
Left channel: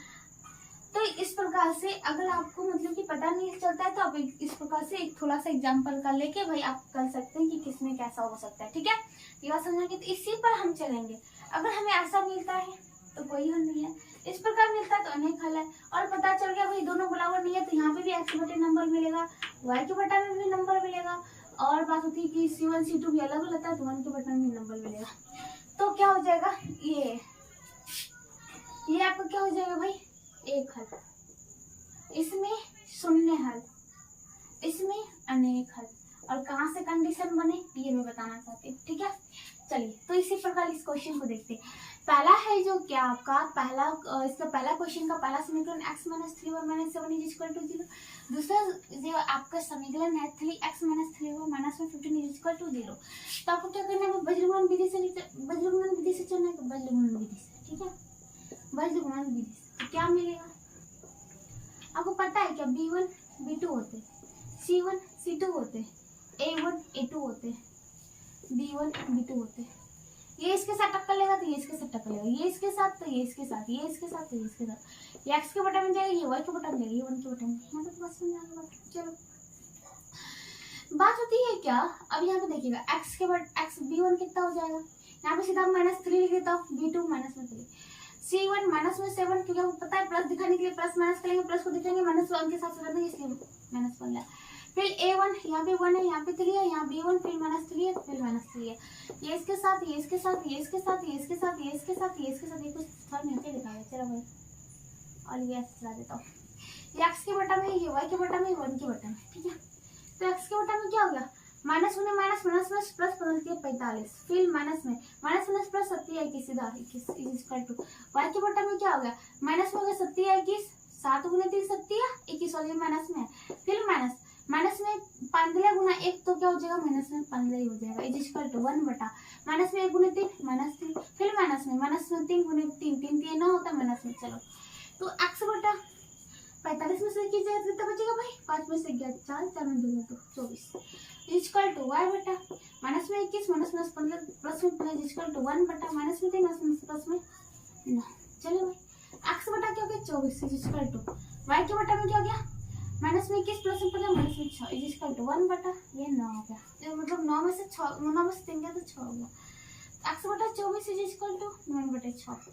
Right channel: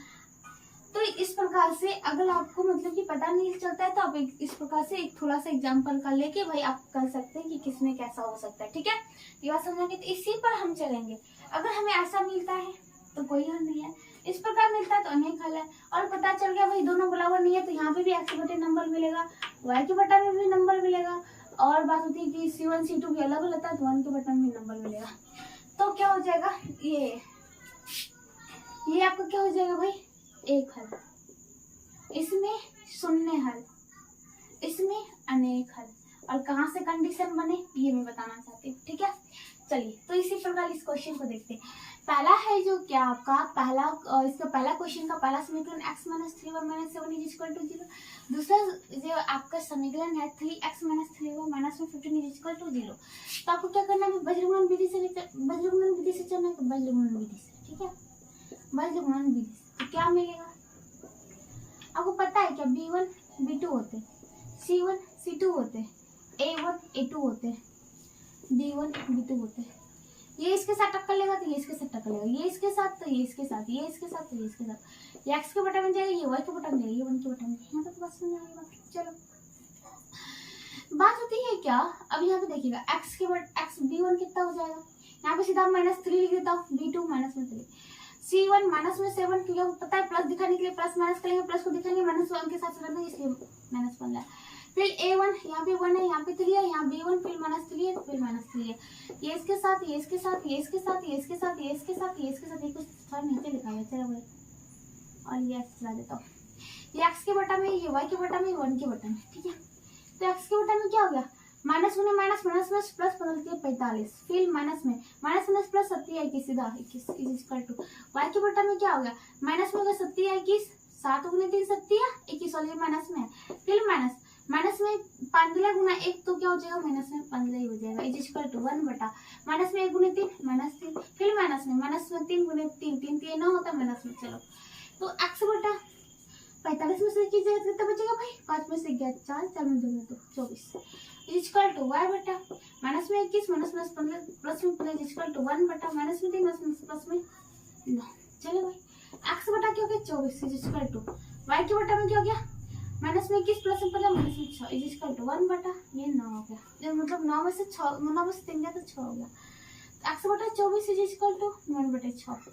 तो इस प्रकार से अगर आपको मतलब कि पता नहीं चलता है तो आप इस प्रकार से एक थोड़ा सा एग्जाम्पल कर लेके भाई आप कर सकते हैं कि किसमें कैसा हो सकता है। ठीक है, ये बात समझेंगे, तो इसी पर हम चलेंगे। अगर हमें ऐसा मिलता है तो कोई हल नहीं है, इस प्रकार मिलता है तो अनेक हल है। और पता चल गया भाई दोनों बराबर नहीं है तो यहाँ पे भी x के बटे नंबर मिलेगा, y के बटा में भी नंबर मिलेगा, और बात होती है कि C1 C2 भी अलग होता है तो 1 के बटा में भी नंबर मिलेगा। तो क्या हो जाएगा, ये आपको क्या हो जाएगा भाई, एक हल, इसमें शून्य हल, इसमें अनेक हल, और कहाँ से कंडीशन बने ये मैं बताना चाहती हूँ। ठीक है, चलिए तो इसी प्रकार इस क्वेश्चन को देखते हैं। पहला है जो क्या आपका इसका पहला क्वेश्चन का पहला समीकरण x - 3y - 7 = 0। दूसरा जो आपका समीकरण है 3x - 3y - 15 = 0। तो आपको क्या करना है, वज्रगुणन विधि से चलना है, वज्रगुणन विधि से। ठीक है, वज्रगुणन विधि से तो क्या मिलेगा, आपको पता है क्या, B1 B2 होते, C1 C2 होते, A1 A2 होते, B1 B2 होते। ये इसके साथ टक्कर लेगा तो ये इसके साथ टक्कर लेगा, ये इसके साथ तो ये इसके साथ, ये इसके साथ तो ये इसके साथ, ये x के बटा में जाएगा, ये y के बटा में जाएगा, ये 1 के बटा में। यहाँ तक बात समझ आ गई बात। चलो बात होती है क्या, अब यहाँ पे देखिएगा x के बटा x B1 कितना हो जाएगा, यहाँ पे सीधा -3 लिख देता हूँ, B2 -3, C1 -7, क्योंकि आपको पता है प्लस दिखाने के लिए प्लस माइनस करेंगे, प्लस को दिखाएंगे -1 के साथ कर देंगे, इसलिए -1 है। फिर A1 यहाँ पे 1 है, यहाँ पे 3 है, यहाँ B1 फिर -3 है, फिर -3 है, ये इसके साथ, ये इसके साथ, ये इसके साथ, ये इसके साथ, ये इसके साथ, ये इसके साथ, ये कुछ थोड़ा नीचे दिखाया चलो भाई, और ये चला देता हूँ, ये x के बटा में, ये y के बटा में, 1 के बटा में। ठीक है, तो x के बटा में क्या हो गया, माइनस में प्लस बदलती है 45, फिर माइनस में प्लस 70 सीधा 21 = y के बटा में क्या हो गया, माइनस में हो गया 70 21, 7 × 3 70 21, और ये माइनस में है, फिर माइनस माइनस में 15 गुना 1 तो क्या हो जाएगा, माइनस में 15 ही हो जाएगा। इज इक्वल टू 1 बटा माइनस में 1 गुने 3 माइनस 3, फिर माइनस में 3 गुने 3 3 3 9 होता है माइनस में। चलो तो x बटा 45 में से कितना बचेगा भाई, 5 में से 11 4 4 में 2 तो 24 इज इक्वल टू y बटा माइनस में 21 माइनस में 15 प्लस में 15 इज इक्वल टू 1 बटा माइनस में 3 प्लस में 9। चलो भाई x बटा क्या हो गया 24 इज इक्वल टू y के बटा में क्या हो गया माइनस में 21 प्लस में 15 माइनस में 6 इज इक्वल टू 1 बटा ये 9 हो गया, मतलब 9 में से 6 9 में से 3 गया तो 6 हो गया। x बटा 24 इज इक्वल टू 1 बटे 6,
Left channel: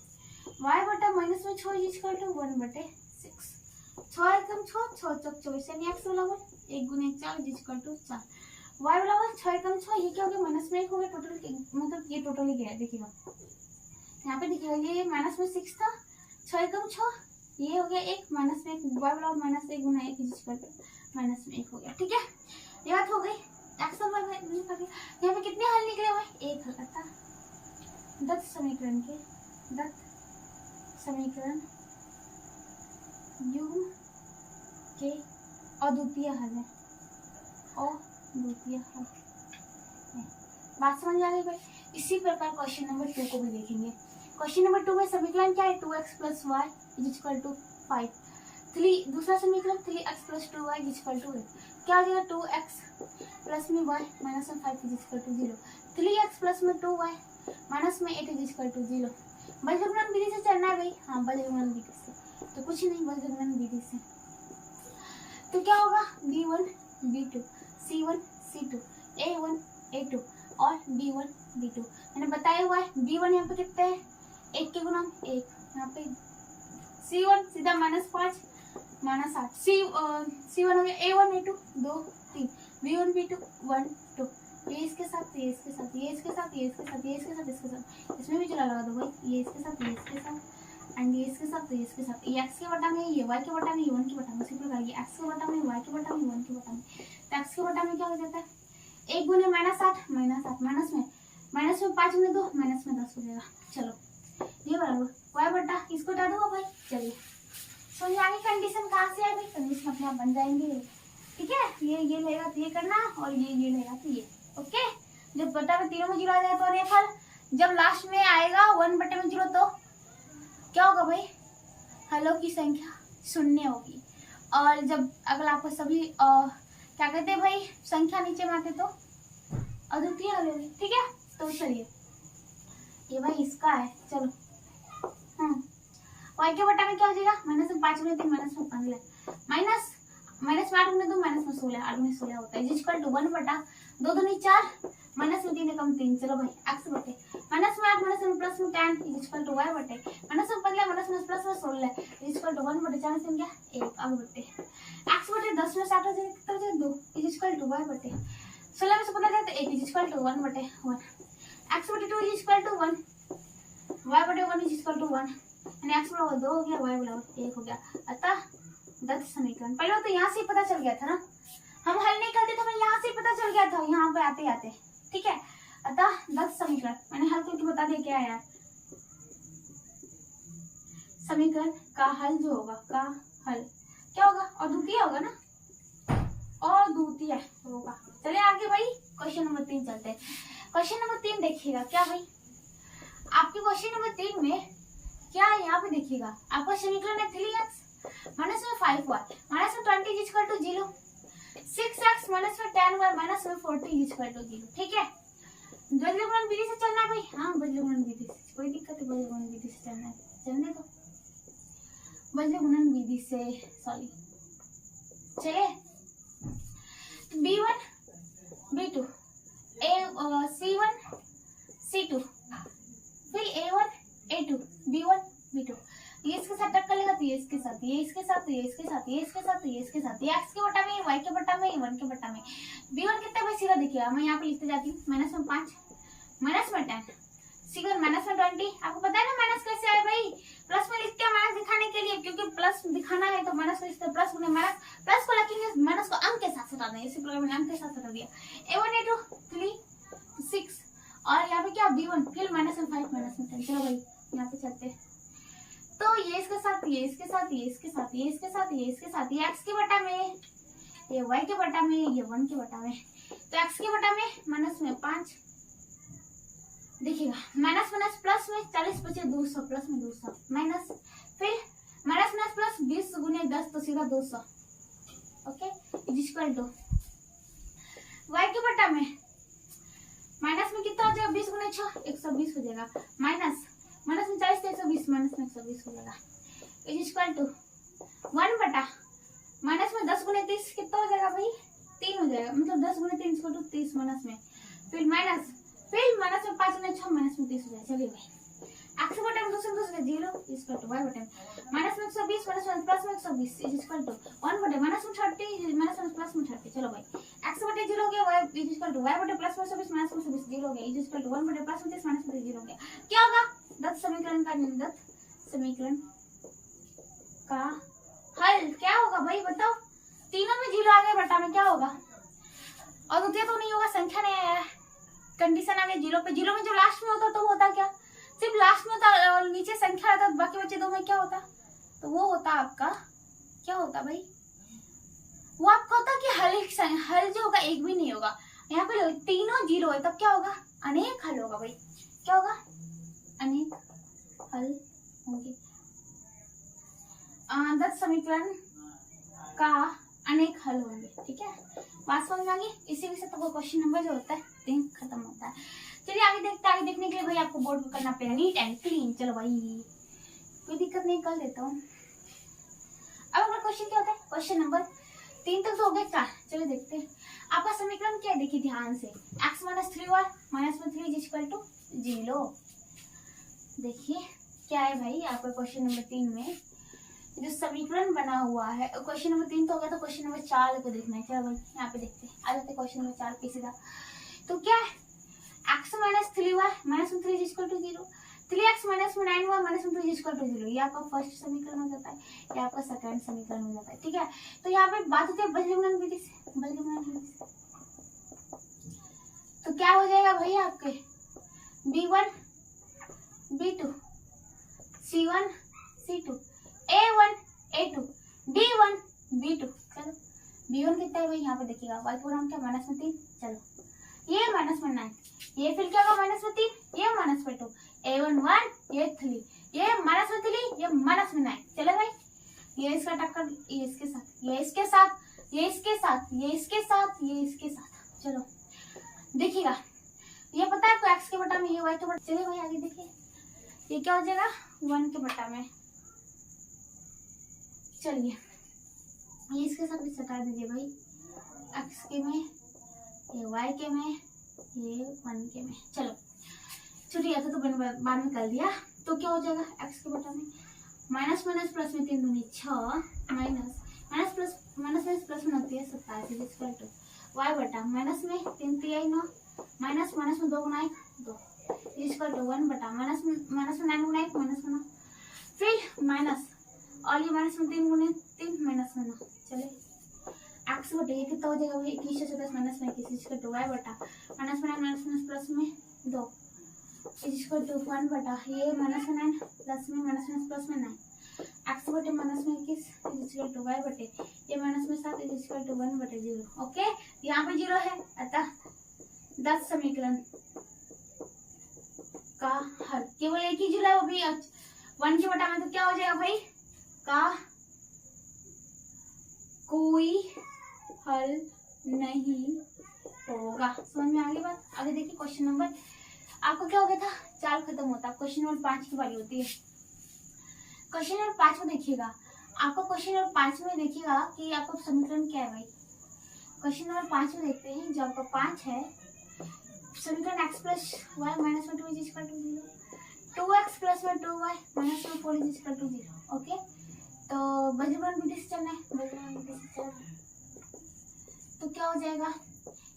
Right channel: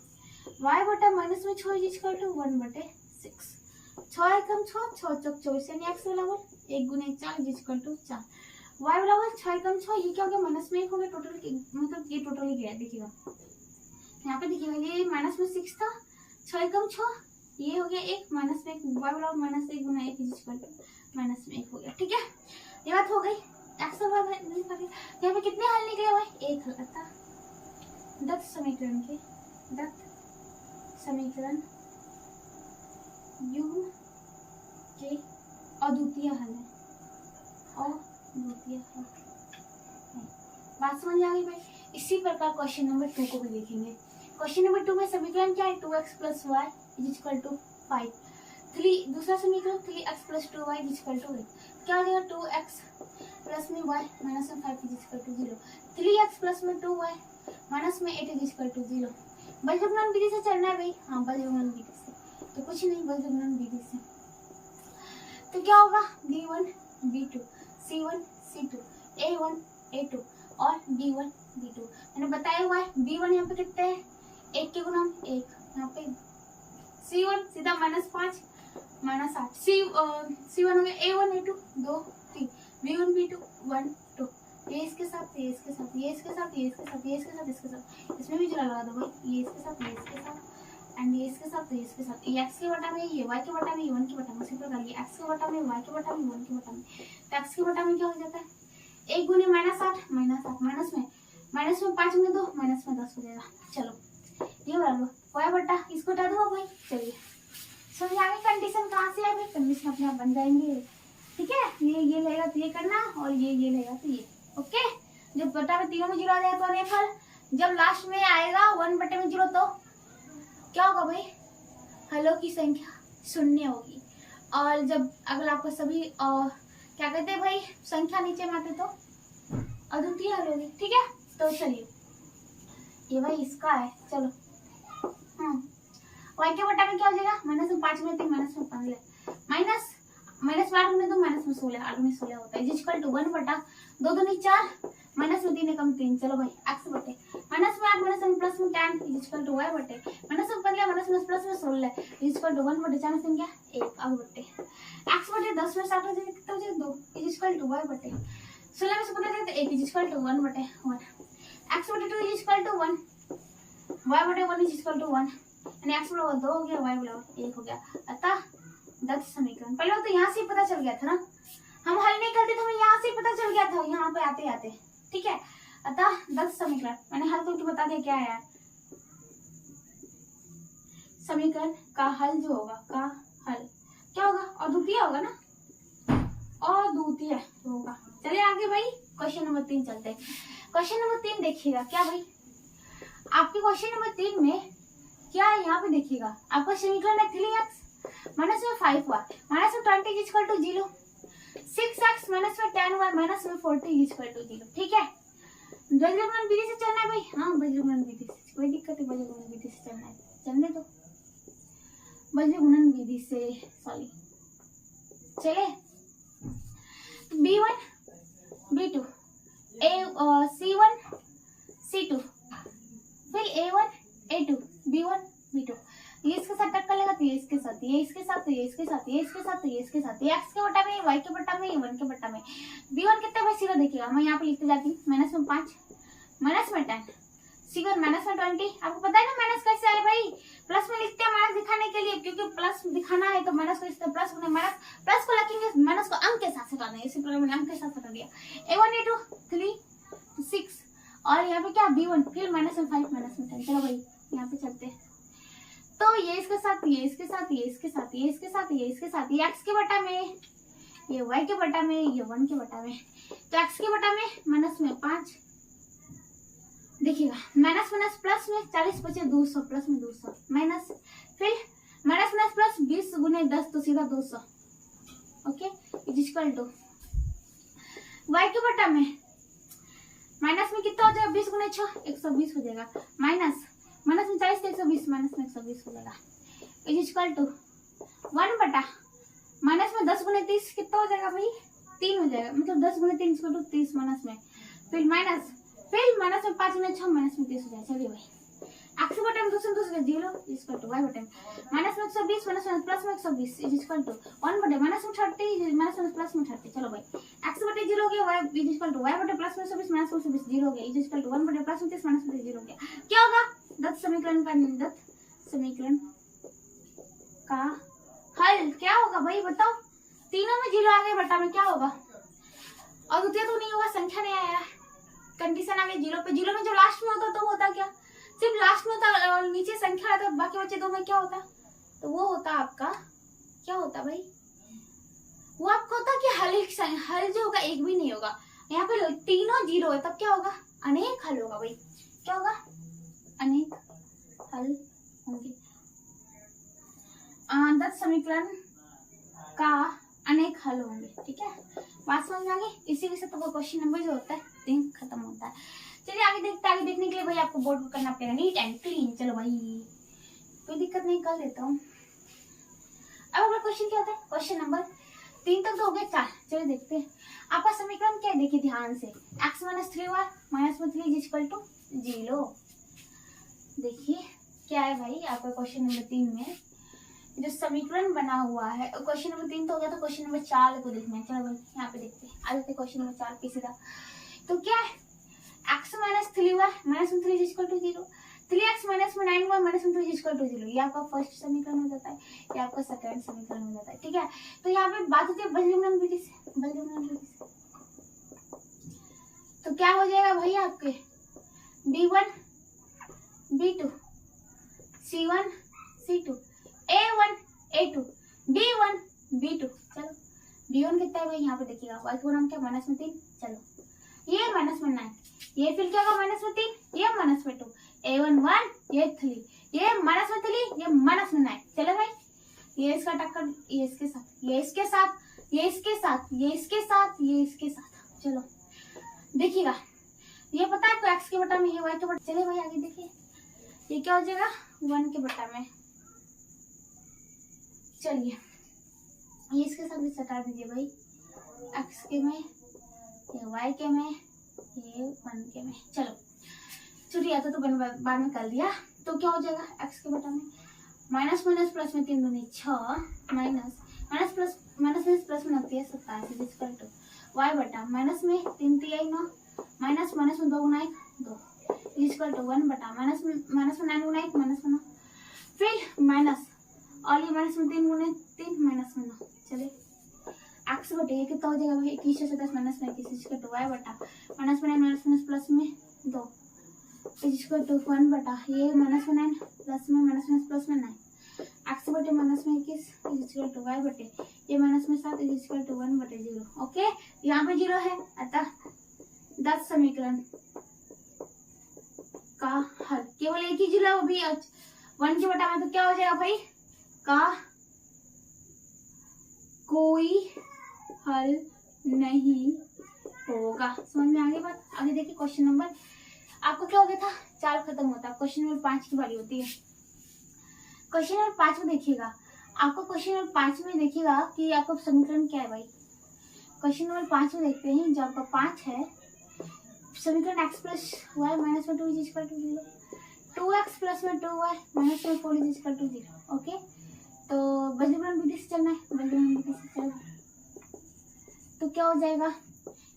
y बटा माइनस में 6 इज इक्वल टू 1 बटे 6, 6 एकम 6 6 चौक 24 यानी x बराबर 1 गुने 4 इज इक्वल टू 4, y बराबर 6 एकम 6 ये क्या हो गया माइनस में 1 हो गया टोटल, मतलब ये टोटल ही गया देखिएगा यहाँ पे देखिएगा ये माइनस में 6 था 6 एकम 6 ये हो गया 1 माइनस में 1 y बराबर माइनस 1 गुना 1 इज इक्वल टू माइनस में 1 हो गया। ठीक है ये बात हो गई। x और y नहीं पता यहाँ पे कितने हल निकले हुए एक हल था। दत्त समीकरण युग्म के अद्वितीय हल है, अद्वितीय हल है। बात समझ आ गई भाई। इसी प्रकार क्वेश्चन नंबर 2 को भी देखेंगे। क्वेश्चन नंबर 2 में समीकरण क्या है 2x plus Y is equal to 5, 3 दूसरा समीकरण 3x plus 2y is equal to 8, क्या हो जाएगा 2x प्लस में y माइनस में 5 is equal to 0, 3x plus में 2y माइनस में 8 इज इक्वल टू 0। बलजबरन विधि से चलना है भाई, हाँ बलजबरन विधि से, तो कुछ नहीं बलजबरन विधि से तो क्या होगा b1 b2 c1 c2 a1 a2 और b1 b2 मैंने बताया हुआ है। b1 यहाँ पे कितने हैं 1 के गुना 1, यहाँ पे c1 सीधा -5 -8 c1 हो गया a1 a2 2 3 b1 b2 1 2 ये इसके साथ ये इसके साथ ये इसके साथ ये इसके साथ ये इसके साथ इसके साथ इसमें भी जुड़ा लगा दो भाई, ये इसके साथ ये इसके साथ एंड ये इसके साथ ये इसके साथ, ये x के बटा में ये y के बटा में ये 1 के बटा में, उसी प्रकार ये x के बटा में y के बटा में 1 के बटा में, तो x के बटा में क्या हो जाता है 1 गुने -8 माइनस में 5 गुने 2 माइनस में 10 हो जाएगा। चलो ये बराबर y बटा इसको हटा दो भाई। चलिए समझ आगे कंडीशन कहाँ से है भाई, कंडीशन अपने आप बन जाएंगी। ठीक है ये लेगा तो ये करना और ये लेगा तो ये, ओके। जब बटा में तीनों में 0 आ जाए तो अनेक हल, जब लास्ट में आएगा 1 बटे में 0 तो क्या होगा भाई हलों की संख्या शून्य होगी, और जब अगर आपको सभी क्या कहते हैं भाई संख्या नीचे में आते तो अद्वितीय हल होगी। ठीक है तो चलिए ये भाई इसका है। चलो y के बटा में क्या हो जाएगा माइनस में 5 में 3 माइनस में 15 माइनस में 8 में 2 माइनस में 16 8 में 16 होता है इज इक्वल टू 1 बटा 2 दूनी 4 माइनस में 3 एकम 3। चलो भाई x बटे माइनस में 8 माइनस में प्लस में 10 इज इक्वल टू y बटे माइनस में 15 माइनस में प्लस में 16 इज इक्वल टू 1 बटे 4 से क्या 1 आगे बटे x बटे 10 में 60 हो जाए कितना हो जाए 2 इज इक्वल टू y बटे 16 में से पता चलता है 1 इज इक्वल टू 1 बटे 1 x बटे 2 इज इक्वल टू 1 y बटे 1 इज इक्वल टू 1 यानी x बराबर 2 हो गया y बराबर 1 हो गया। अतः दत्त समीकरण पहले तो यहाँ से पता चल गया था ना, हम हल नहीं करते तो हमें यहाँ से पता चल गया था यहाँ पे आते आते। ठीक है अतः दत्त समीकरण मैंने हल करके बता दिया क्या है समीकरण का हल जो होगा का हल क्या होगा अद्वितीय होगा ना, अद्वितीय होगा। चलिए आगे भाई क्वेश्चन नंबर 3 चलते हैं। क्वेश्चन नंबर 3 देखिएगा क्या भाई आपके क्वेश्चन नंबर 3 में क्या है यहाँ पे देखिएगा आपका समीकरण है 3x माइनस में 5y माइनस में 20 is equal to 0, 6x minus में 10y माइनस में 40 इज इक्वल टू 0। ठीक है बजरंग विधि से चलना है भाई, हाँ बजरंग विधि से कोई दिक्कत है, बजरंग विधि से चलना है चलने दो बजरंग विधि से सॉरी। चलिए b1 b2 c1 c2 फिर a1 a2 b1 b2 ये इसके साथ टक्कर लेगा तो ये इसके साथ ये इसके साथ ये इसके साथ ये इसके साथ ये इसके साथ ये x के बटा में y के बटा में 1 के बटा में b1 कितना भाई सीधा देखिएगा मैं यहाँ पे लिखते जाती हूँ माइनस में 5 माइनस में 10 c1 माइनस में 20। आपको पता है ना माइनस कैसे आए भाई प्लस में लिखते हैं माइनस दिखाने के लिए, क्योंकि प्लस दिखाना है तो माइनस को लिखते प्लस में प्लस को लिखेंगे माइनस को अंक के साथ हटा देंगे, इसी प्रकार मैंने अंक के साथ हटा दिया a1 a2 3 6 और यहाँ पे क्या b1 फिर माइनस में 5 माइनस में 10। चलो भाई यहाँ पे चलते हैं तो ये इसके साथ ये इसके साथ ये इसके साथ ये इसके साथ ये इसके साथ ये x के बटा में ये y के बटा में, ये 1 के बटा में। तो x के बटा में माइनस में 5, देखिएगा माइनस माइनस प्लस में 40 बचे 200, प्लस में 200 माइनस, फिर माइनस माइनस प्लस 20 गुने 10 तो सीधा 200। Okay, is equal to y के बटा में माइनस में कितना हो जाएगा, 20 गुने 6 120 हो जाएगा, माइनस माइनस में 40 तो 120, माइनस में 120 हो जाएगा, इज इक्वल टू 1 बटा माइनस में 10 गुने 30 कितना हो जाएगा भाई, 3 हो जाएगा, मतलब 10 गुने 3 इक्वल टू 30 माइनस में, फिर माइनस में 5 गुने 6 माइनस में 30 हो जाएगा। चलिए भाई x बटा में 200 0 इक्वल टू y बटा में माइनस में 120 माइनस में प्लस में 120 इज इक्वल टू 1 बटे माइनस में 30 माइनस में प्लस में 30। चलो भाई x बटे 0 हो गया, y is equal to y बटे प्लस में 120 माइनस में 120 0 हो गया, इज इक्वल टू 1 बटे प्लस में 30 माइनस में 0 हो गया। क्या होगा, दत्त समीकरण का हल क्या होगा भाई बताओ, तीनों में 0 आ गया, बटा में क्या होगा, और द्वितीय तो नहीं होगा, संख्या नहीं आया, कंडीशन आ गई 0 पे। 0 में जो लास्ट में होता तो होता क्या, सिर्फ लास्ट में होता और नीचे संख्या आता, बाकी बचे 2 में क्या होता, तो वो होता आपका क्या होता भाई, वो आपका होता कि हल जो होगा एक भी नहीं होगा, यहाँ पे तीनों 0 है तब क्या होगा, अनेक हल होगा भाई, क्या होगा, अनेक हल होंगे। दत्त समीकरण का अनेक हल होंगे, ठीक है, बात समझ में आ गई। इसी के साथ तो क्वेश्चन नंबर जो होता है 3 खत्म होता है। चलिए आगे देखते हैं, आगे देखने के लिए भाई आपको बोर्ड में करना पड़ेगा नीट एंड क्लीन। चलो भाई कोई दिक्कत नहीं, कर देता हूँ। अब अगला क्वेश्चन क्या होता है, क्वेश्चन नंबर 3 तक तो हो गए 4। चलो देखते हैं आपका समीकरण क्या है, देखिए ध्यान से, x माइनस 3y माइनस में 3 इक्वल टू 0। देखिए क्या है भाई आपका क्वेश्चन नंबर 3 में जो समीकरण बना हुआ है, क्वेश्चन नंबर 3 तो हो गया, तो क्वेश्चन नंबर 4 को देखना है। चलो भाई यहाँ पे देखते हैं, आ जाते हैं क्वेश्चन नंबर 4 पे सीधा। तो क्या है, x माइनस 3y माइनस में 3 इक्वल टू 0, 3x माइनस में 9y माइनस में 3 इक्वल टू 0, ये आपका फर्स्ट समीकरण हो जाता है, ये आपका सेकंड समीकरण हो जाता है, ठीक है। तो यहाँ पे बात होती है बलगमन विधि से, तो क्या हो जाएगा भाई आपके b1 b2 c1 c2 a1 a2 b1 b2। चलो b1 कितना है भाई, यहाँ पे देखिएगा y को नाम क्या, माइनस में 3, चलो ये माइनस में 9, ये फिर क्या होगा माइनस में 3, ये माइनस में 2, a1 1, ये 3, ये माइनस में 3, ये माइनस में 9। चलो भाई ये इसका टक्कर, ये इसके साथ, ये इसके साथ, ये इसके साथ, ये इसके साथ, ये इसके साथ। चलो देखिएगा ये पता है आपको x के बटा में, ये y के बटा। चलिए भाई आगे देखिए, ये क्या हो जाएगा 1 के बटा में। चलिए ये इसके साथ भी सटा दीजिए भाई, x के में, ये y के में, ये 1 के में। चलो छुट्टी आता तो बाद में कर दिया, तो क्या हो जाएगा x के बटा में माइनस माइनस प्लस में 3 दूनी 6 माइनस माइनस प्लस प्लस में 27 इक्वल टू y बटा माइनस में 3 3 9 माइनस माइनस में 2 गुना 2 इक्वल टू 1 बटा माइनस में 9 गुना 1 माइनस में 9, फिर माइनस और ये माइनस में 3 गुने 3 माइनस में 9। चले x बटे ये कितना हो जाएगा भाई 21 से 27 माइनस में 21 इक्वल टू y बटा माइनस में 9 माइनस प्लस में 2 इक्वल टू 1 बटा ये माइनस में 9 प्लस में माइनस में प्लस में 9 x बटे माइनस में 21 इक्वल टू y बटे ये माइनस में 7 इक्वल टू 1 बटे 0। ओके यहाँ पे 0 है, अतः 10 समीकरण का हल केवल एक ही 0 वो भी 1 के बटा में, तो क्या हो जाएगा भाई का कोई हल नहीं होगा। समझ में आ गई बात। आगे देखिए क्वेश्चन नंबर आपको क्या हो गया था 4 खत्म होता है, क्वेश्चन नंबर 5 की बारी होती है। क्वेश्चन नंबर 5 में देखिएगा, आपको क्वेश्चन नंबर 5 में देखिएगा कि आपको समीकरण क्या है भाई। क्वेश्चन नंबर 5 में देखते हैं, जो आपका 5 है समीकरण x प्लस वाई माइनस में 2 is equal to 0, 2x plus में 2y माइनस में 4 इज इक्वल टू 0। ओके तो बलगमन विधि से चलना है, बलगमन विधि से चलना, तो क्या हो जाएगा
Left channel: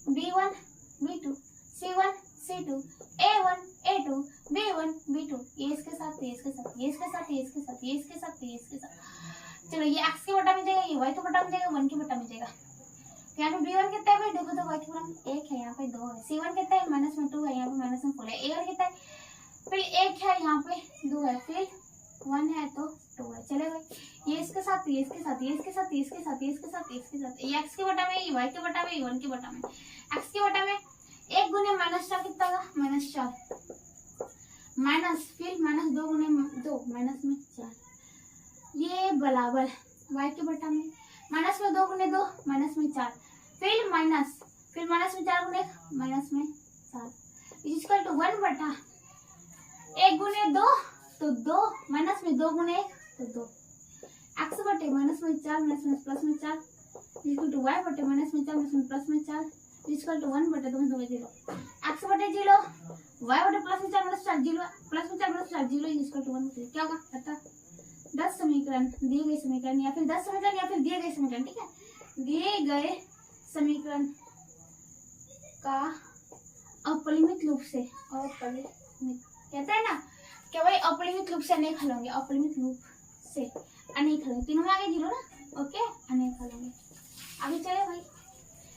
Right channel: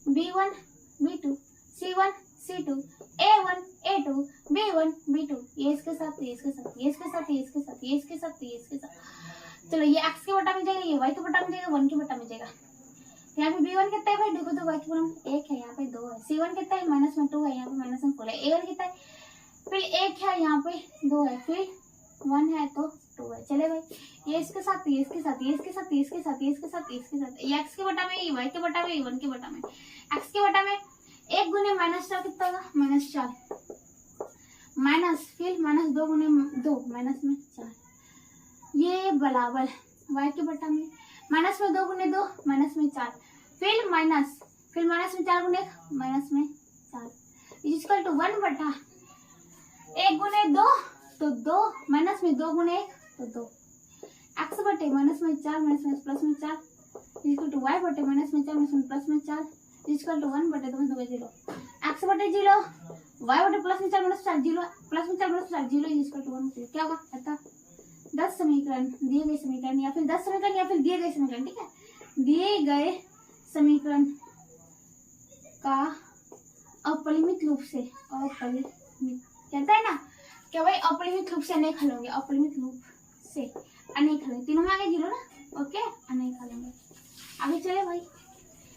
b1 b2 c1 c2 a1 a2 b1 b2, ये इसके साथ ये इसके साथ ये इसके साथ ये इसके साथ ये इसके साथ ये इसके साथ। चलो ये x के बटा में जाएगा, ये y के बटा में जाएगा, 1 के बटा में जाएगा। यहाँ पे b1 कितना है भाई, देखो तो y के बटा में 1 है, यहाँ पे 2 है, c1 कितना है माइनस में 2 है, यहाँ पे माइनस में 4 है, a1 कितना है फिर 1 है, यहाँ पे 2 है, फिर 1 है तो 2 है। चले भाई, ये इसके साथ, ये इसके साथ, ये इसके साथ, ये इसके साथ, ये इसके साथ, ये इसके साथ, ये एक्स के बटा में, ये वाई के बटा में, ये 1 के बटा में। एक्स के बटा में 1 गुने -4 कितना होगा, -4, माइनस फिर -2 गुने 2 माइनस में 4, ये बराबर वाई के बटा में माइनस में 2 गुने 2 माइनस में 4, फिर माइनस में 4 गुने माइनस में 4 इक्वल टू 1 बटा 1 गुने 2 तो 2 माइनस में 2 गुने 1 तो 2, एक्स बटे माइनस में 4 माइनस में प्लस में 4 इक्वल टू वाई बटे माइनस में 4 माइनस में प्लस में 4 इक्वल टू 1 बटे 2 हो गया 0, एक्स बटे 0 वाई बटे प्लस में 4 माइनस 4 0 प्लस में 4 माइनस 4 0 इक्वल टू 1 क्या होगा, अतः 10 समीकरण दिए गए समीकरण या फिर 10 समीकरण या फिर दिए गए समीकरण, ठीक है, दिए गए समीकरण का अपरिमित रूप से, अपरिमित कहता है ना क्या भाई, अपरिमित रूप से अनेक हल होंगे, अपरिमित रूप से अनेक हल होंगे, तीनों में आगे 0 ना, ओके, अनेक हल होंगे। आगे चले भाई,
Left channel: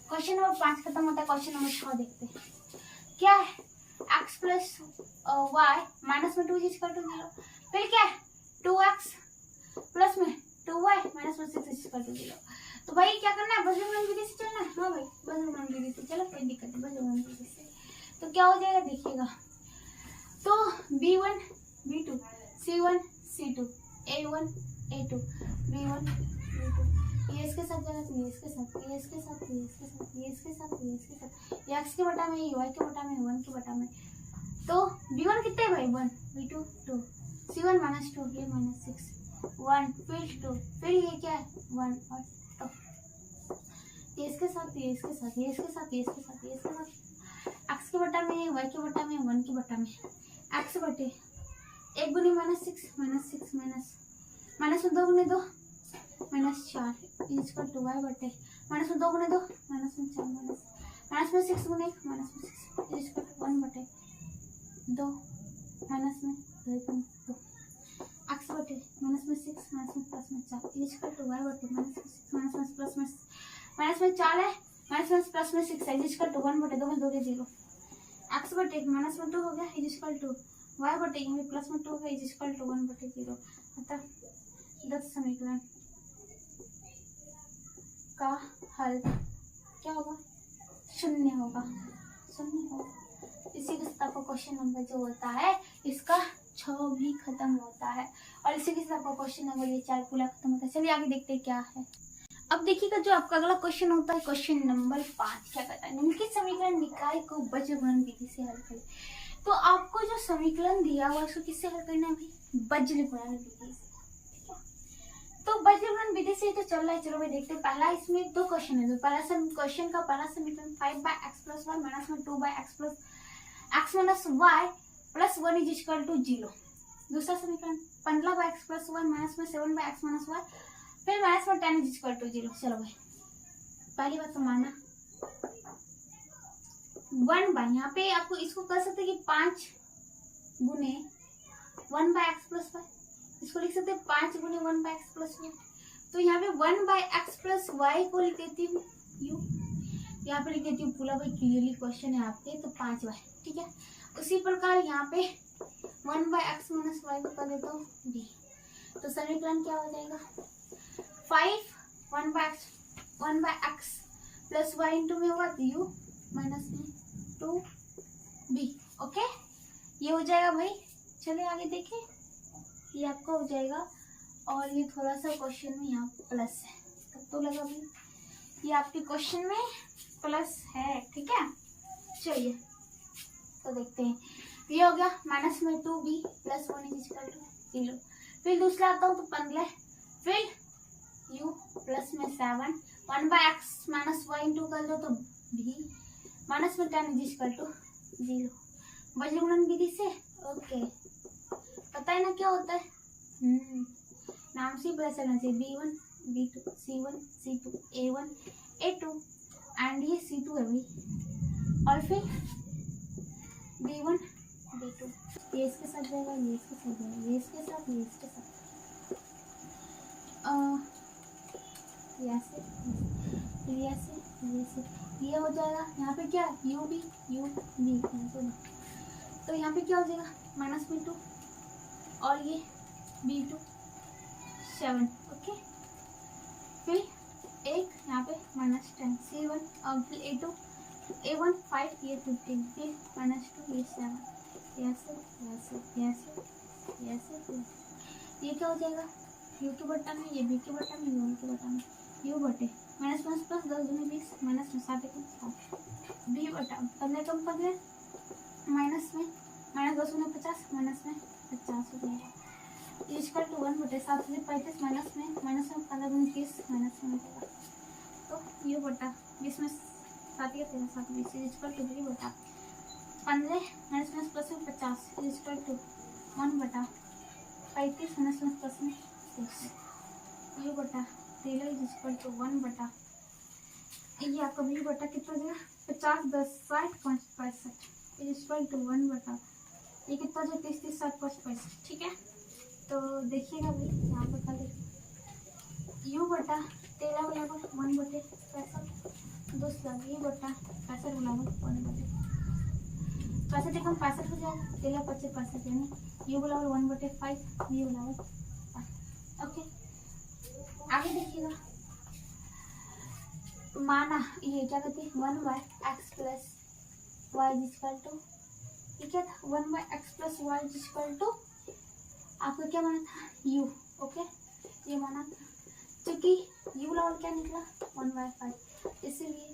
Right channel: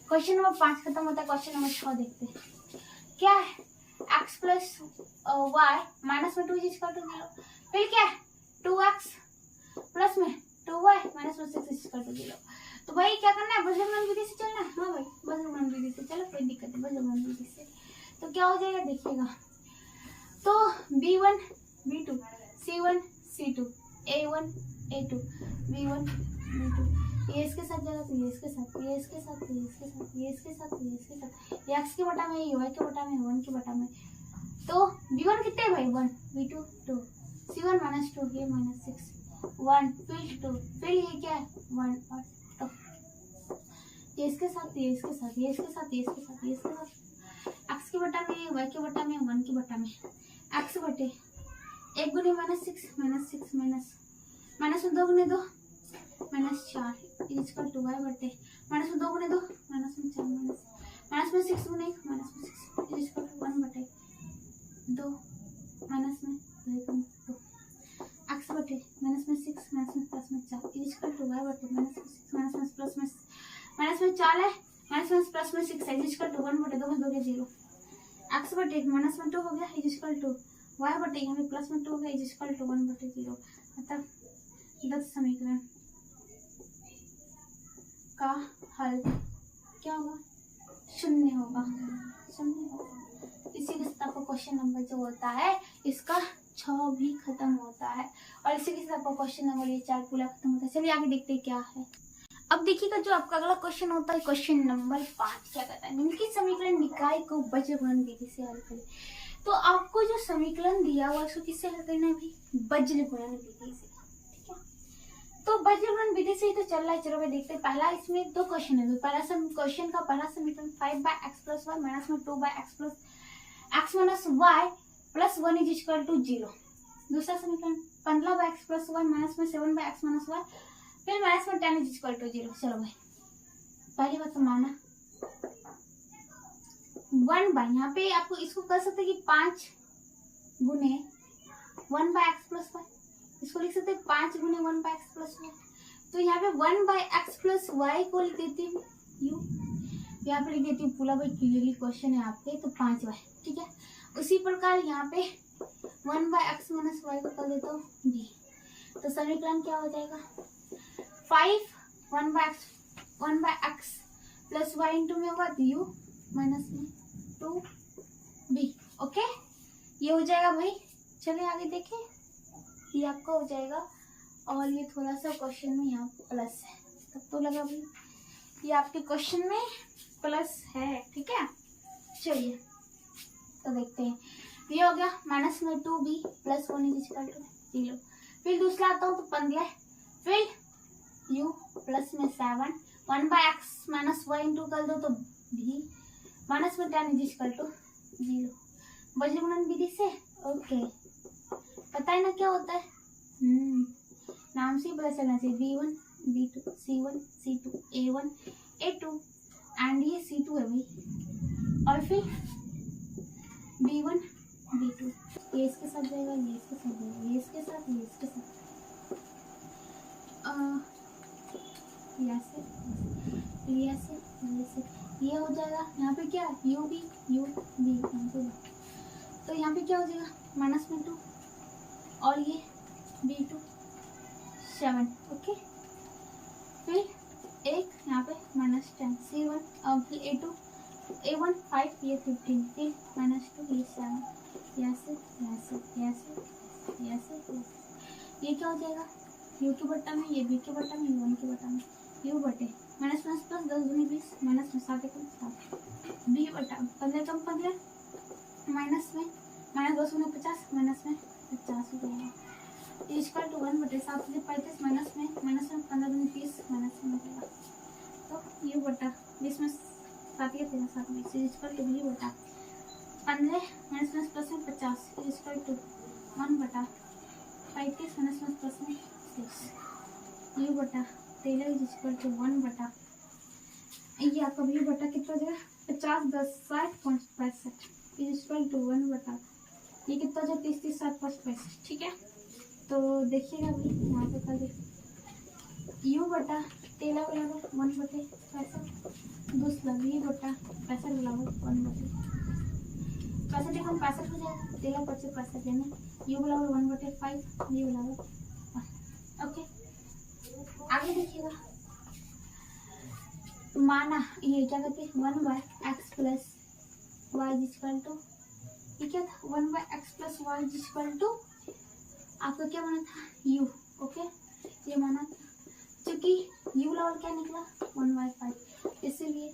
क्वेश्चन नंबर 5 खत्म होता है, क्वेश्चन नंबर 6 देखते हैं क्या है, x प्लस वाई माइनस में 2 इक्वल टू 0, फिर क्या है 2x प्लस में 2y माइनस में 6 इक्वल टू 0। तो भाई क्या करना है, बज्रगमन विधि से चलना है, हाँ भाई बज्रगमन विधि से, चलो कोई दिक्कत नहीं, बज्रगमन विधि से तो क्या हो जाएगा देखिएगा, तो b1 b2 c1 c2 a1 a2 b1 b2, ये इसके साथ जाएगा तो ये इसके साथ, ये इसके साथ, ये इसके साथ, ये इसके साथ, ये इसके साथ, ये x के बटा में, ये y के बटा में, 1 के बटा में, तो b1 कितने भाई 1 b2 2 c1 माइनस 2 ये माइनस 6 1 फिर 2 फिर ये क्या है 1 और 2, ये इसके साथ, ये इसके साथ, ये इसके साथ, ये इसके साथ, ये इसके साथ, x के बटा में, y के बटा में, 1 के बटा में, x बटे 1 गुने -6 माइनस में 2 गुने 2 -4 इक्वल टू y बटे माइनस में 2 गुने 2 माइनस में 4 माइनस में 6 गुने 1 माइनस में 6 इक्वल टू 1 बटे 2 माइनस में 2 x बटे माइनस में 6 माइनस में प्लस में 4 इक्वल टू y बटे माइनस में प्लस में माइनस में 4 है माइनस में प्लस में 6 है इक्वल टू 1 बटे 2 में 2 के 0, x बटे माइनस में 2 हो गया इक्वल टू y बटे यहाँ पे प्लस में 2 हो गया इक्वल टू 1 बटे 0, अतः 10 समीकरण का हल क्या होगा, 0 होगा, 0 होगा। इसी के साथ आपका क्वेश्चन नंबर जो होता है इसका 6 भी खत्म होता है और इसी के साथ आपका क्वेश्चन नंबर ये 4 पूरा खत्म होता है। चलिए आगे देखते हैं क्या है। अब देखिएगा जो आपका अगला क्वेश्चन होता है क्वेश्चन नंबर 5 क्या कहता है, निम्नलिखित समीकरण निकाय को बज्रगुणन विधि से हल करें। तो आपको जो समीकरण दिया हुआ उसको किससे हल करना है भाई, बज्रगुणन विधि से, ठीक है। तो बज्रगुणन विधि से ही तो चल रहा है, चलो भाई देखते हैं। पहला इसमें 2 क्वेश्चन है, पहला क्वेश्चन का पहला समीकरण 5/x + y माइनस में 2/x + x minus y plus 1 is equal to 0। दूसरा समीकरण 15/x + y माइनस में 7/x माइनस y फिर माइनस में 10 इज इक्वल टू 0। चलो भाई पहली बात तो माना 1 बाय, यहाँ पे आपको इसको कर सकते हैं कि 5 गुने 1/x + y, इसको लिख सकते हैं 5 गुने 1/x + y। तो यहाँ पे 1/x + y को लिख देती हूँ u, यहाँ पे लिख देती हूँ पूरा भाई क्लियरली क्वेश्चन है आपके, तो 5y, ठीक है। उसी प्रकार यहाँ पे 1/x - y को कर देता हूँ b, तो समीकरण क्या हो जाएगा 5 1/x + y इंटू में होगा u माइनस में 2b, ओके ये हो जाएगा भाई। चले आगे देखें, ये आपका हो जाएगा और ये थोड़ा सा क्वेश्चन में यहाँ प्लस है, तब तो लगा भाई ये आपके क्वेश्चन में प्लस है, ठीक है। चलिए तो देखते हैं, ये हो गया माइनस में 2b plus 1 is equal to 0। फिर दूसरा आता हूँ तो 15, फिर u प्लस में 7 1/x माइनस y इंटू कर दो तो b माइनस में 10 इज इक्वल टू 0। बज्रगुणन विधि से ओके, पता है ना क्या होता है, नाम से ही पता चलना चाहिए, b1 b2 c1 c2 a1 a2 and ये c2 है भाई, और फिर b1 b2, ये इसके साथ जाएगा, ये इसके साथ जाएगा, ये इसके साथ, ये इसके साथ, ये हो जाएगा। यहाँ पे क्या u b तो यहाँ पे क्या हो जाएगा माइनस में 2 और ये b2 7, ओके। फिर एक यहाँ पे -10, C1 और फिर A2 A1 5, ये 15, फिर -2, ये 7, ये क्या हो जाएगा, U के बट्टा में, ये B के बट्टा में, U1 के बट्टा में, U बटे -5 + 10 दूनी 20, -7 1 7, B बटा 15 कम 15, माइनस में -10 में 50, माइनस में 50 हो जाएगा, इक्वल टू 1 बटे 7 से 35, माइनस में 15 दूनी 30, माइनस में हो जाएगा। तो U बटा 20 में 7 के 13 7 20 इक्वल टू B बटा 15 माइनस में प्लस में 50 इक्वल टू 1 बटा 35 माइनस में प्लस में 6, U बटा 13 इक्वल टू 1 बटा, ये आपका B बटा कितना हो जाएगा 50 10 60 5 65 इक्वल टू 1 बटा, ये कितना हो जाएगा 30 30 7 5 65, ठीक है। तो देखिएगा भाई यहाँ पे कर दे U बटा 13 बराबर 1 बटे 65, दूसरा V बटा 65 बराबर 1 बटे 65 कम 65 हो जाएगा, 13 25 65 यानी U बराबर 1 बटे 5, V बराबर 1, ओके। आगे देखिएगा, माना ये क्या कहते हैं 1/x plus y equal to, ये क्या था 1/x plus y equal to, आपको क्या माना था U, ओके, ये माना था, क्योंकि U बराबर क्या निकला 1/5, इसीलिए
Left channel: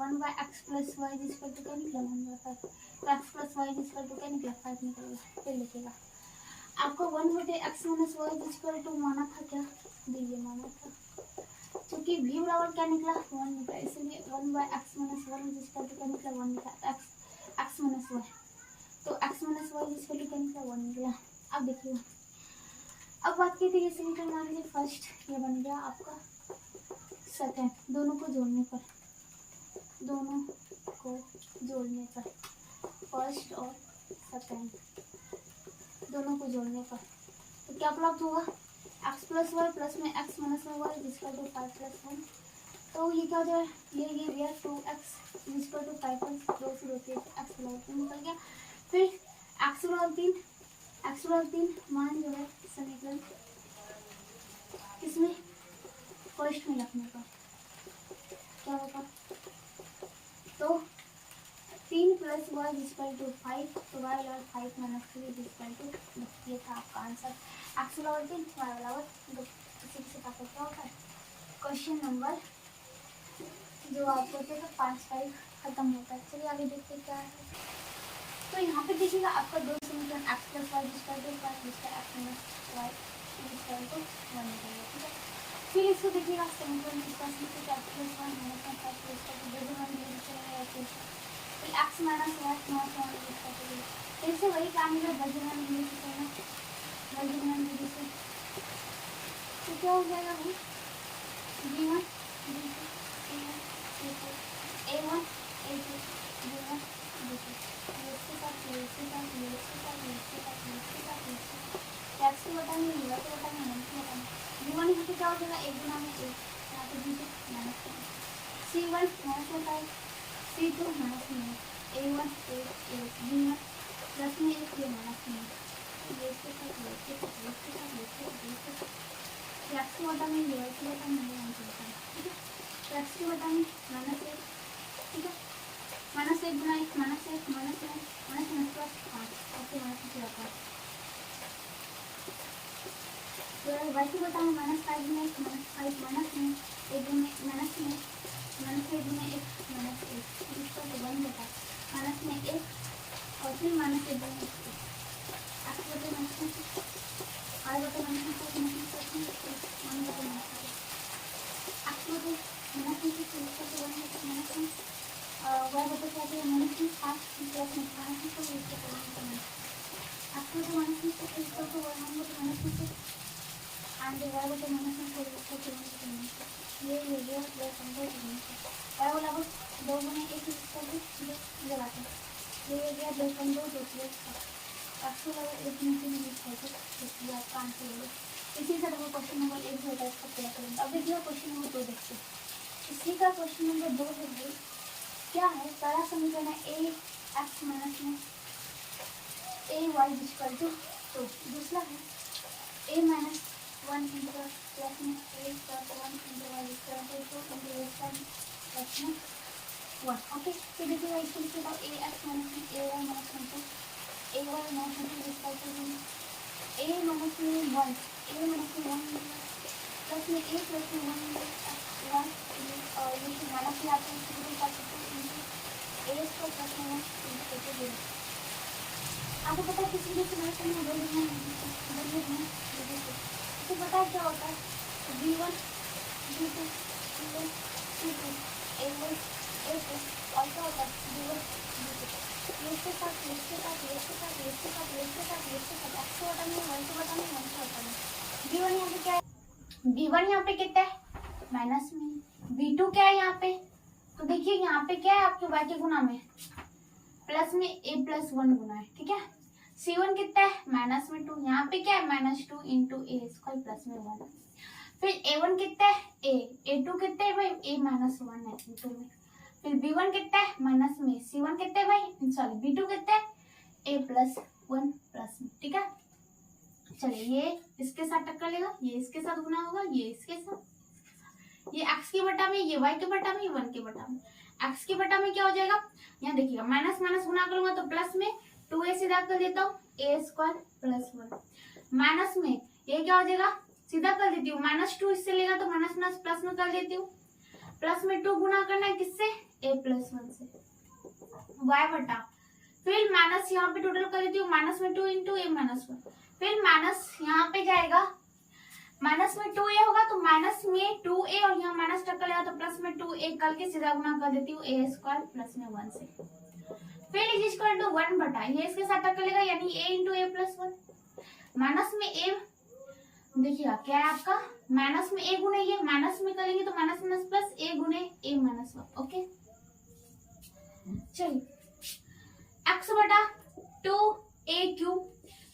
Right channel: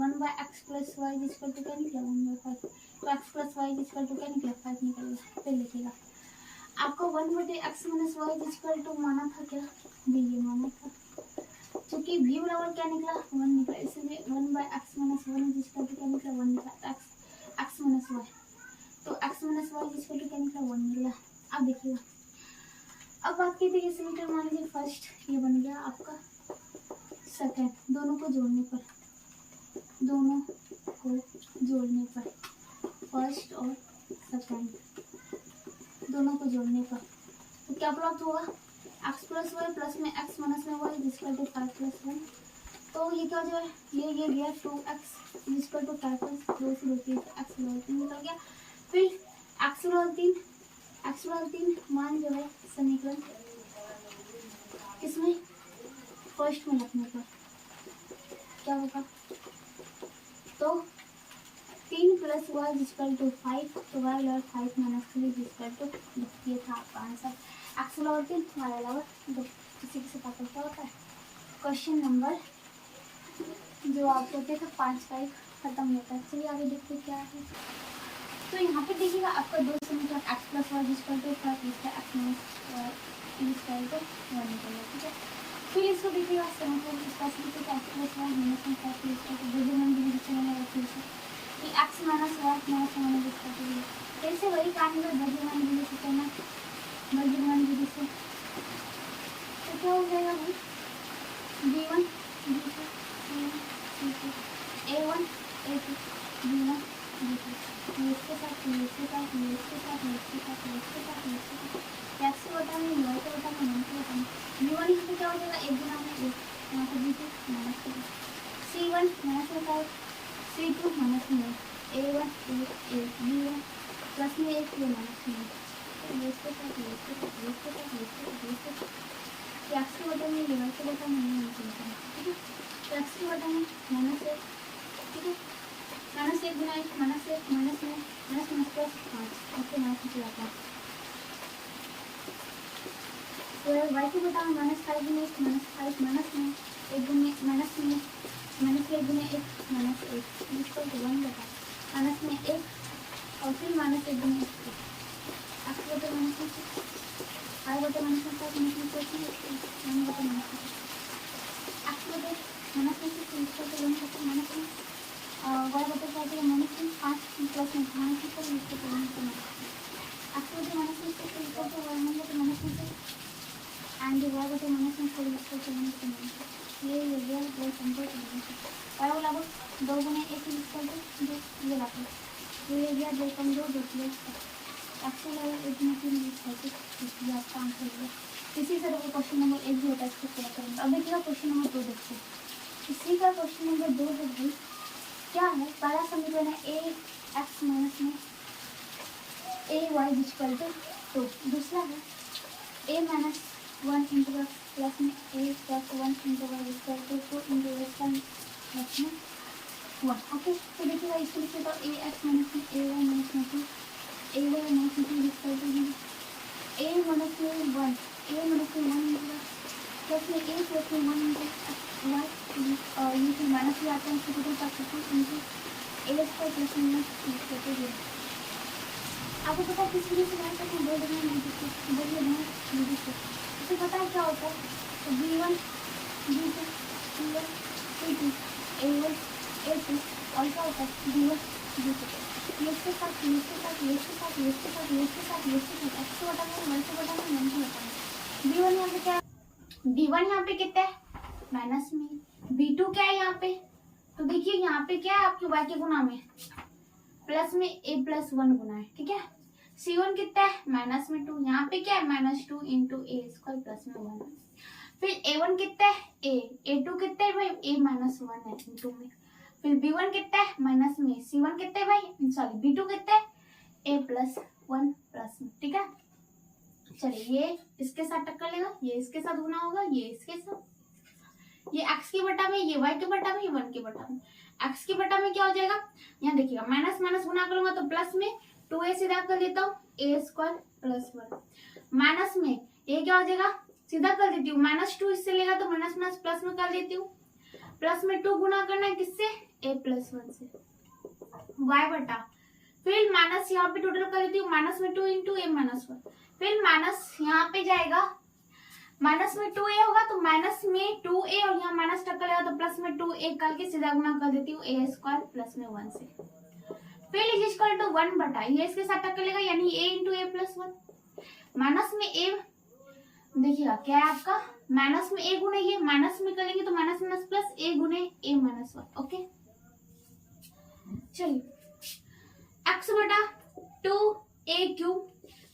1/x plus y equal to क्या निकला 1/5, तो x plus y equal to क्या निकला 5 निकलेगा। फिर लिखिएगा आपको 1 बटे x minus y equal to माना था क्या, ये माना था, क्योंकि v बराबर क्या निकला 1 निकला, इसलिए 1/x माइनस 1 इक्वल टू क्या निकला 1 निकला, x माइनस वाई, तो x minus y equal to क्या निकला 1 निकला। अब देखिएगा, अब बात की थी ये समीकरण मान लीजिए फर्स्ट, ये बन गया आपका सेकंड, दोनों को जोड़ने पर फर्स्ट और सेकंड दोनों को जोड़ने पर तो क्या प्राप्त होगा x प्लस वाई प्लस में x माइनस में वाई इक्वल टू 5 + 1, तो ये क्या हो जाए ये गया 2x इक्वल टू 5 + 2 से 2 के x बराबर 3 निकल गया। फिर x बराबर 3 मान जो है समीकरण किसमें फर्स्ट में रखने पर क्या होगा, तो 3 + y इक्वल टू 5, तो y बराबर 5 - 3 इक्वल टू 2, ये था आपका आंसर, x बराबर 3 y बराबर 2। इसी के साथ आपको क्या होता है क्वेश्चन नंबर जो आप होते थे 5 का खत्म होता है। चलिए आगे देखते क्या है। तो यहाँ पे देखिएगा आपका दो समीकरण x plus y equal to 5, इसका x minus y equal to 1 निकलेगा, ठीक है। फिर इसको देखिएगा समीकरण इसका x plus Y minus 5 equal to बुद्धिमान भी चलेगा, फिर x minus y minus 1 equal to 0, फिर से वही काम है बुद्धिमान भी से करना, बुद्धिमान भी से तो क्या हो जाएगा भाई b1 b2 c1 c2 a1 a2 b1 b2 इसके साथ इसके साथ इसके साथ इसके साथ इसके साथ इसके साथ x के बटा में y के बटा में 1 के बटा में b1 यहाँ पे क्या हो जाएगा 1 गुना में 1, यहाँ पे b2 minus 1, c1 minus 5, c2 minus 9, a1 b1 plus में 1 ये माइनस में ये इसके साथ ये इसके साथ ये इसके साथ ये इसके साथ ये इसके साथ x के बटा में y के बटा में 1 के बटा में, ठीक है। तो x के बटा में -1, ठीक है, -1 गुना 1 -1 माइनस में प्लस 5, ओके माइनस में जाता है। तो y के बटा में -5 गुना 1 -5 माइनस में 1 गुना माइनस में -1 गुना 1 -1 इसको 1 बटा माइनस में 1 और फिर -1 गुना 1 x बटे माइनस में y बटे माइनस में 5 माइनस में प्लस में 1 बटे माइनस में x बटे माइनस में 6 इसको 1 बटे माइनस में y बटे क्या है माइनस में 5 प्लस में माइनस में 4 इसको 1 बटे माइनस x बटे माइनस में 6 इसको तो y 1 बटे माइनस में 6 एंड y बटे माइनस में 4 इसको 1 बटे माइनस ये दो संख्या के y बराबर 2 गुना 1 इसको 2 ये बात है, तो ये गया 2 कम 2 2 x बराबर 1 गुना 3 इसको ये आपका आंसर होगा। इसी तरह वो क्वेश्चन नंबर 1 जो होता है इसको पूरा करेंगे। अब देखिएगा क्वेश्चन नंबर 2 देखते हैं। इसी का क्वेश्चन नंबर 2 है भाई, क्या है पहला समीकरण है a x माइनस में a y इक्वल टू 2, दूसरा है a माइनस 1 इंटू 1। ओके, तो देखिएगा इसको लिखिएगा ए एक्स माइनस में ए वाई माइनस में 2 ए वाई माइनस में 2 इक्वल टू ए माइनस में 1 ए माइनस में 1 प्लस में ए प्लस में 1 इंटू वाई ये फिर माइनस में आता है इसको टू पास 2 इंटू ए स्क्वायर प्लस में 1 इक्वल टू 0। आपको पता है किस चीज़ से बाहर करना है, दो लेना है इसे पता है क्या होता है, तो b1 b2 c1 c2 a1 a2 और क्या होता है b1 b2। इसके साथ इसके साथ इसके साथ इसके साथ इसके साथ इसके साथ x से बटा में y से बटा में 1 से बटा में b1 यहाँ पे क्या है, b1 यहाँ पे कितना है माइनस में, b2 क्या है यहाँ पे, तो देखिए यहाँ पे क्या है आपके y के गुना में प्लस में a प्लस 1 गुना है, ठीक है। c1 कितना है माइनस में 2, यहाँ पे क्या है minus 2 into a square plus में 1। फिर a1 कितना है a, a2 कितना है भाई a माइनस 1 है इंटू में, फिर b1 कितना है माइनस में, c1 कितना है भाई सॉरी b2 कितना है a प्लस 1 प्लस में, ठीक है। चलिए ये इसके साथ टक्कर लेगा, ये इसके साथ गुना होगा, ये इसके साथ, ये x की बटा में, ये y के बटा में, ये 1 के बटा में। x की बटा में क्या हो जाएगा, यहाँ देखिएगा माइनस माइनस गुना करूंगा तो प्लस में 2a सीधा कर देता हूँ a स्क्वायर प्लस 1 माइनस में ये क्या हो जाएगा सीधा कर देती हूँ, माइनस 2 इससे लेगा तो माइनस माइनस प्लस में कर देती हूँ, प्लस में 2 गुना करना है किससे a प्लस 1 से y बटा, फिर माइनस यहाँ पे टोटल कर देती हूँ माइनस में 2 इंटू a माइनस 1, फिर माइनस यहाँ पे जाएगा माइनस में 2a होगा तो माइनस में 2a और यहाँ माइनस टक्कर लेगा तो प्लस में 2a करके सीधा गुना कर देती हूँ a स्क्वायर प्लस में 1 से, फिर इज इक्वल टू 1 बटा ये इसके साथ टक्कर लेगा यानी a into a plus 1 minus में a, देखिएगा क्या है आपका माइनस में a गुने ये माइनस में करेंगे तो माइनस माइनस प्लस a गुने a माइनस 1। ओके चलिए x बटा 2a क्यूब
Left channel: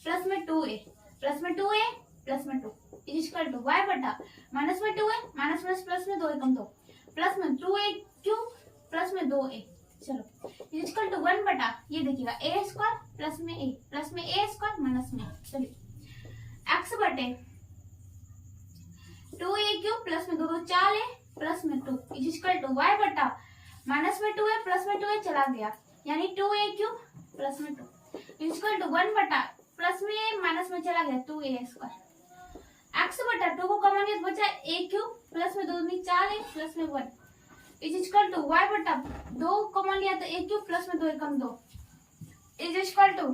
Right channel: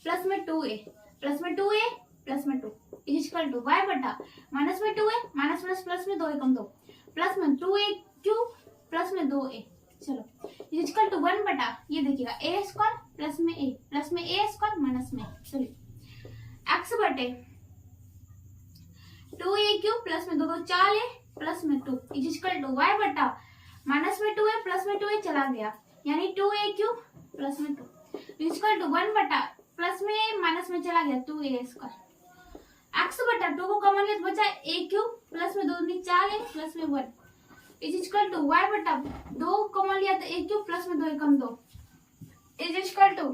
प्लस में 2a प्लस में 2a प्लस में 2 इज इक्वल टू y बटा माइनस में 2a माइनस प्लस प्लस में 2 एकम 2 प्लस में 2a क्यूब प्लस में 2a, चलो इज इक्वल टू 1 बटा ये देखिएगा a स्क्वायर प्लस में a स्क्वायर माइनस में, चलिए x बटे 2a क्यूब प्लस में 2 2 4a प्लस में 2 इज इक्वल टू y बटा माइनस में 2a प्लस में 2a चला गया यानी 2a क्यूब प्लस में 2 इज इक्वल टू 1 बटा प्लस में माइनस में चला गया 2a स्क्वायर, x बटा 2 को कॉमन लिया बचा a क्यूब प्लस में 2 दूनी 4a प्लस में 1 इज इक्वल टू y बटा 2 कॉमन लिया तो a क्यूब प्लस में 2 एकम 2 इज इक्वल टू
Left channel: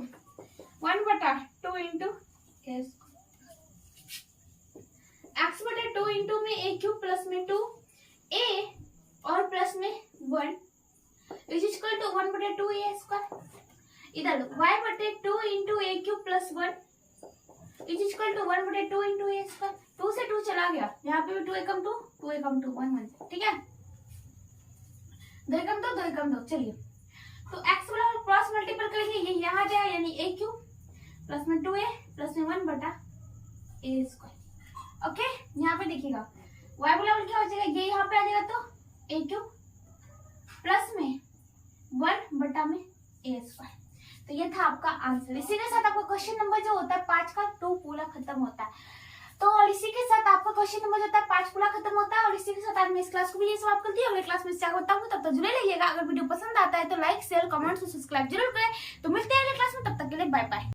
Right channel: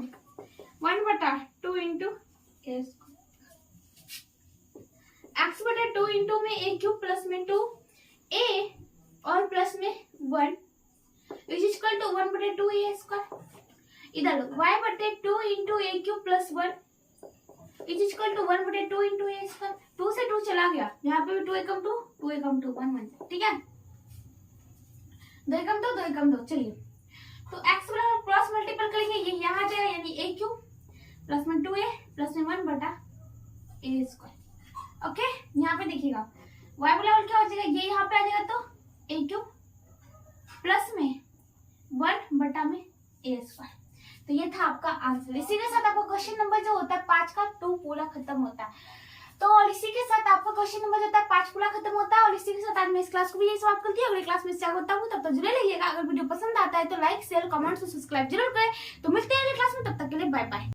1 बटा 2 इंटू a x बटे 2 इंटू में a क्यूब प्लस में 2 a और प्लस में 1 इज इक्वल टू 1 बटे 2 a स्क्वायर, इधर y बटे 2 into a cube plus 1 is equal to 1 बटे 2 इंटू a स्क्वायर, 2 से 2 चला गया यहाँ पे भी 2 एकम 2 2 एकम 2 1 1, ठीक है 2 एकम 2 2 एकम 2। चलिए तो x बराबर क्रॉस मल्टीपल करेंगे ये यहाँ जाए यानी a क्यूब प्लस में 2a प्लस में 1 बटा a स्क्वायर। ओके यहाँ पे देखिएगा y बराबर क्या हो जाएगा ये यहाँ पे आ जाएगा तो a क्यूब प्लस में 1 बटा में a स्क्वायर। तो ये था आपका आंसर। इसी के साथ आपका क्वेश्चन नंबर जो होता है 5 का 2 पूरा खत्म होता है। तो और इसी के साथ आपका क्वेश्चन नंबर जो होता है 5 पूरा खत्म होता है। और इसी के साथ आज मैं इस क्लास को भी यही समाप्त करती हूँ। अगले क्लास में इससे आगे बताऊंगी, तब तक जुड़े रहिएगा। अगर वीडियो पसंद आता है तो लाइक शेयर कमेंट सब्सक्राइब जरूर करें। तो मिलते हैं अगले क्लास में, तब तक के लिए बाय बाय।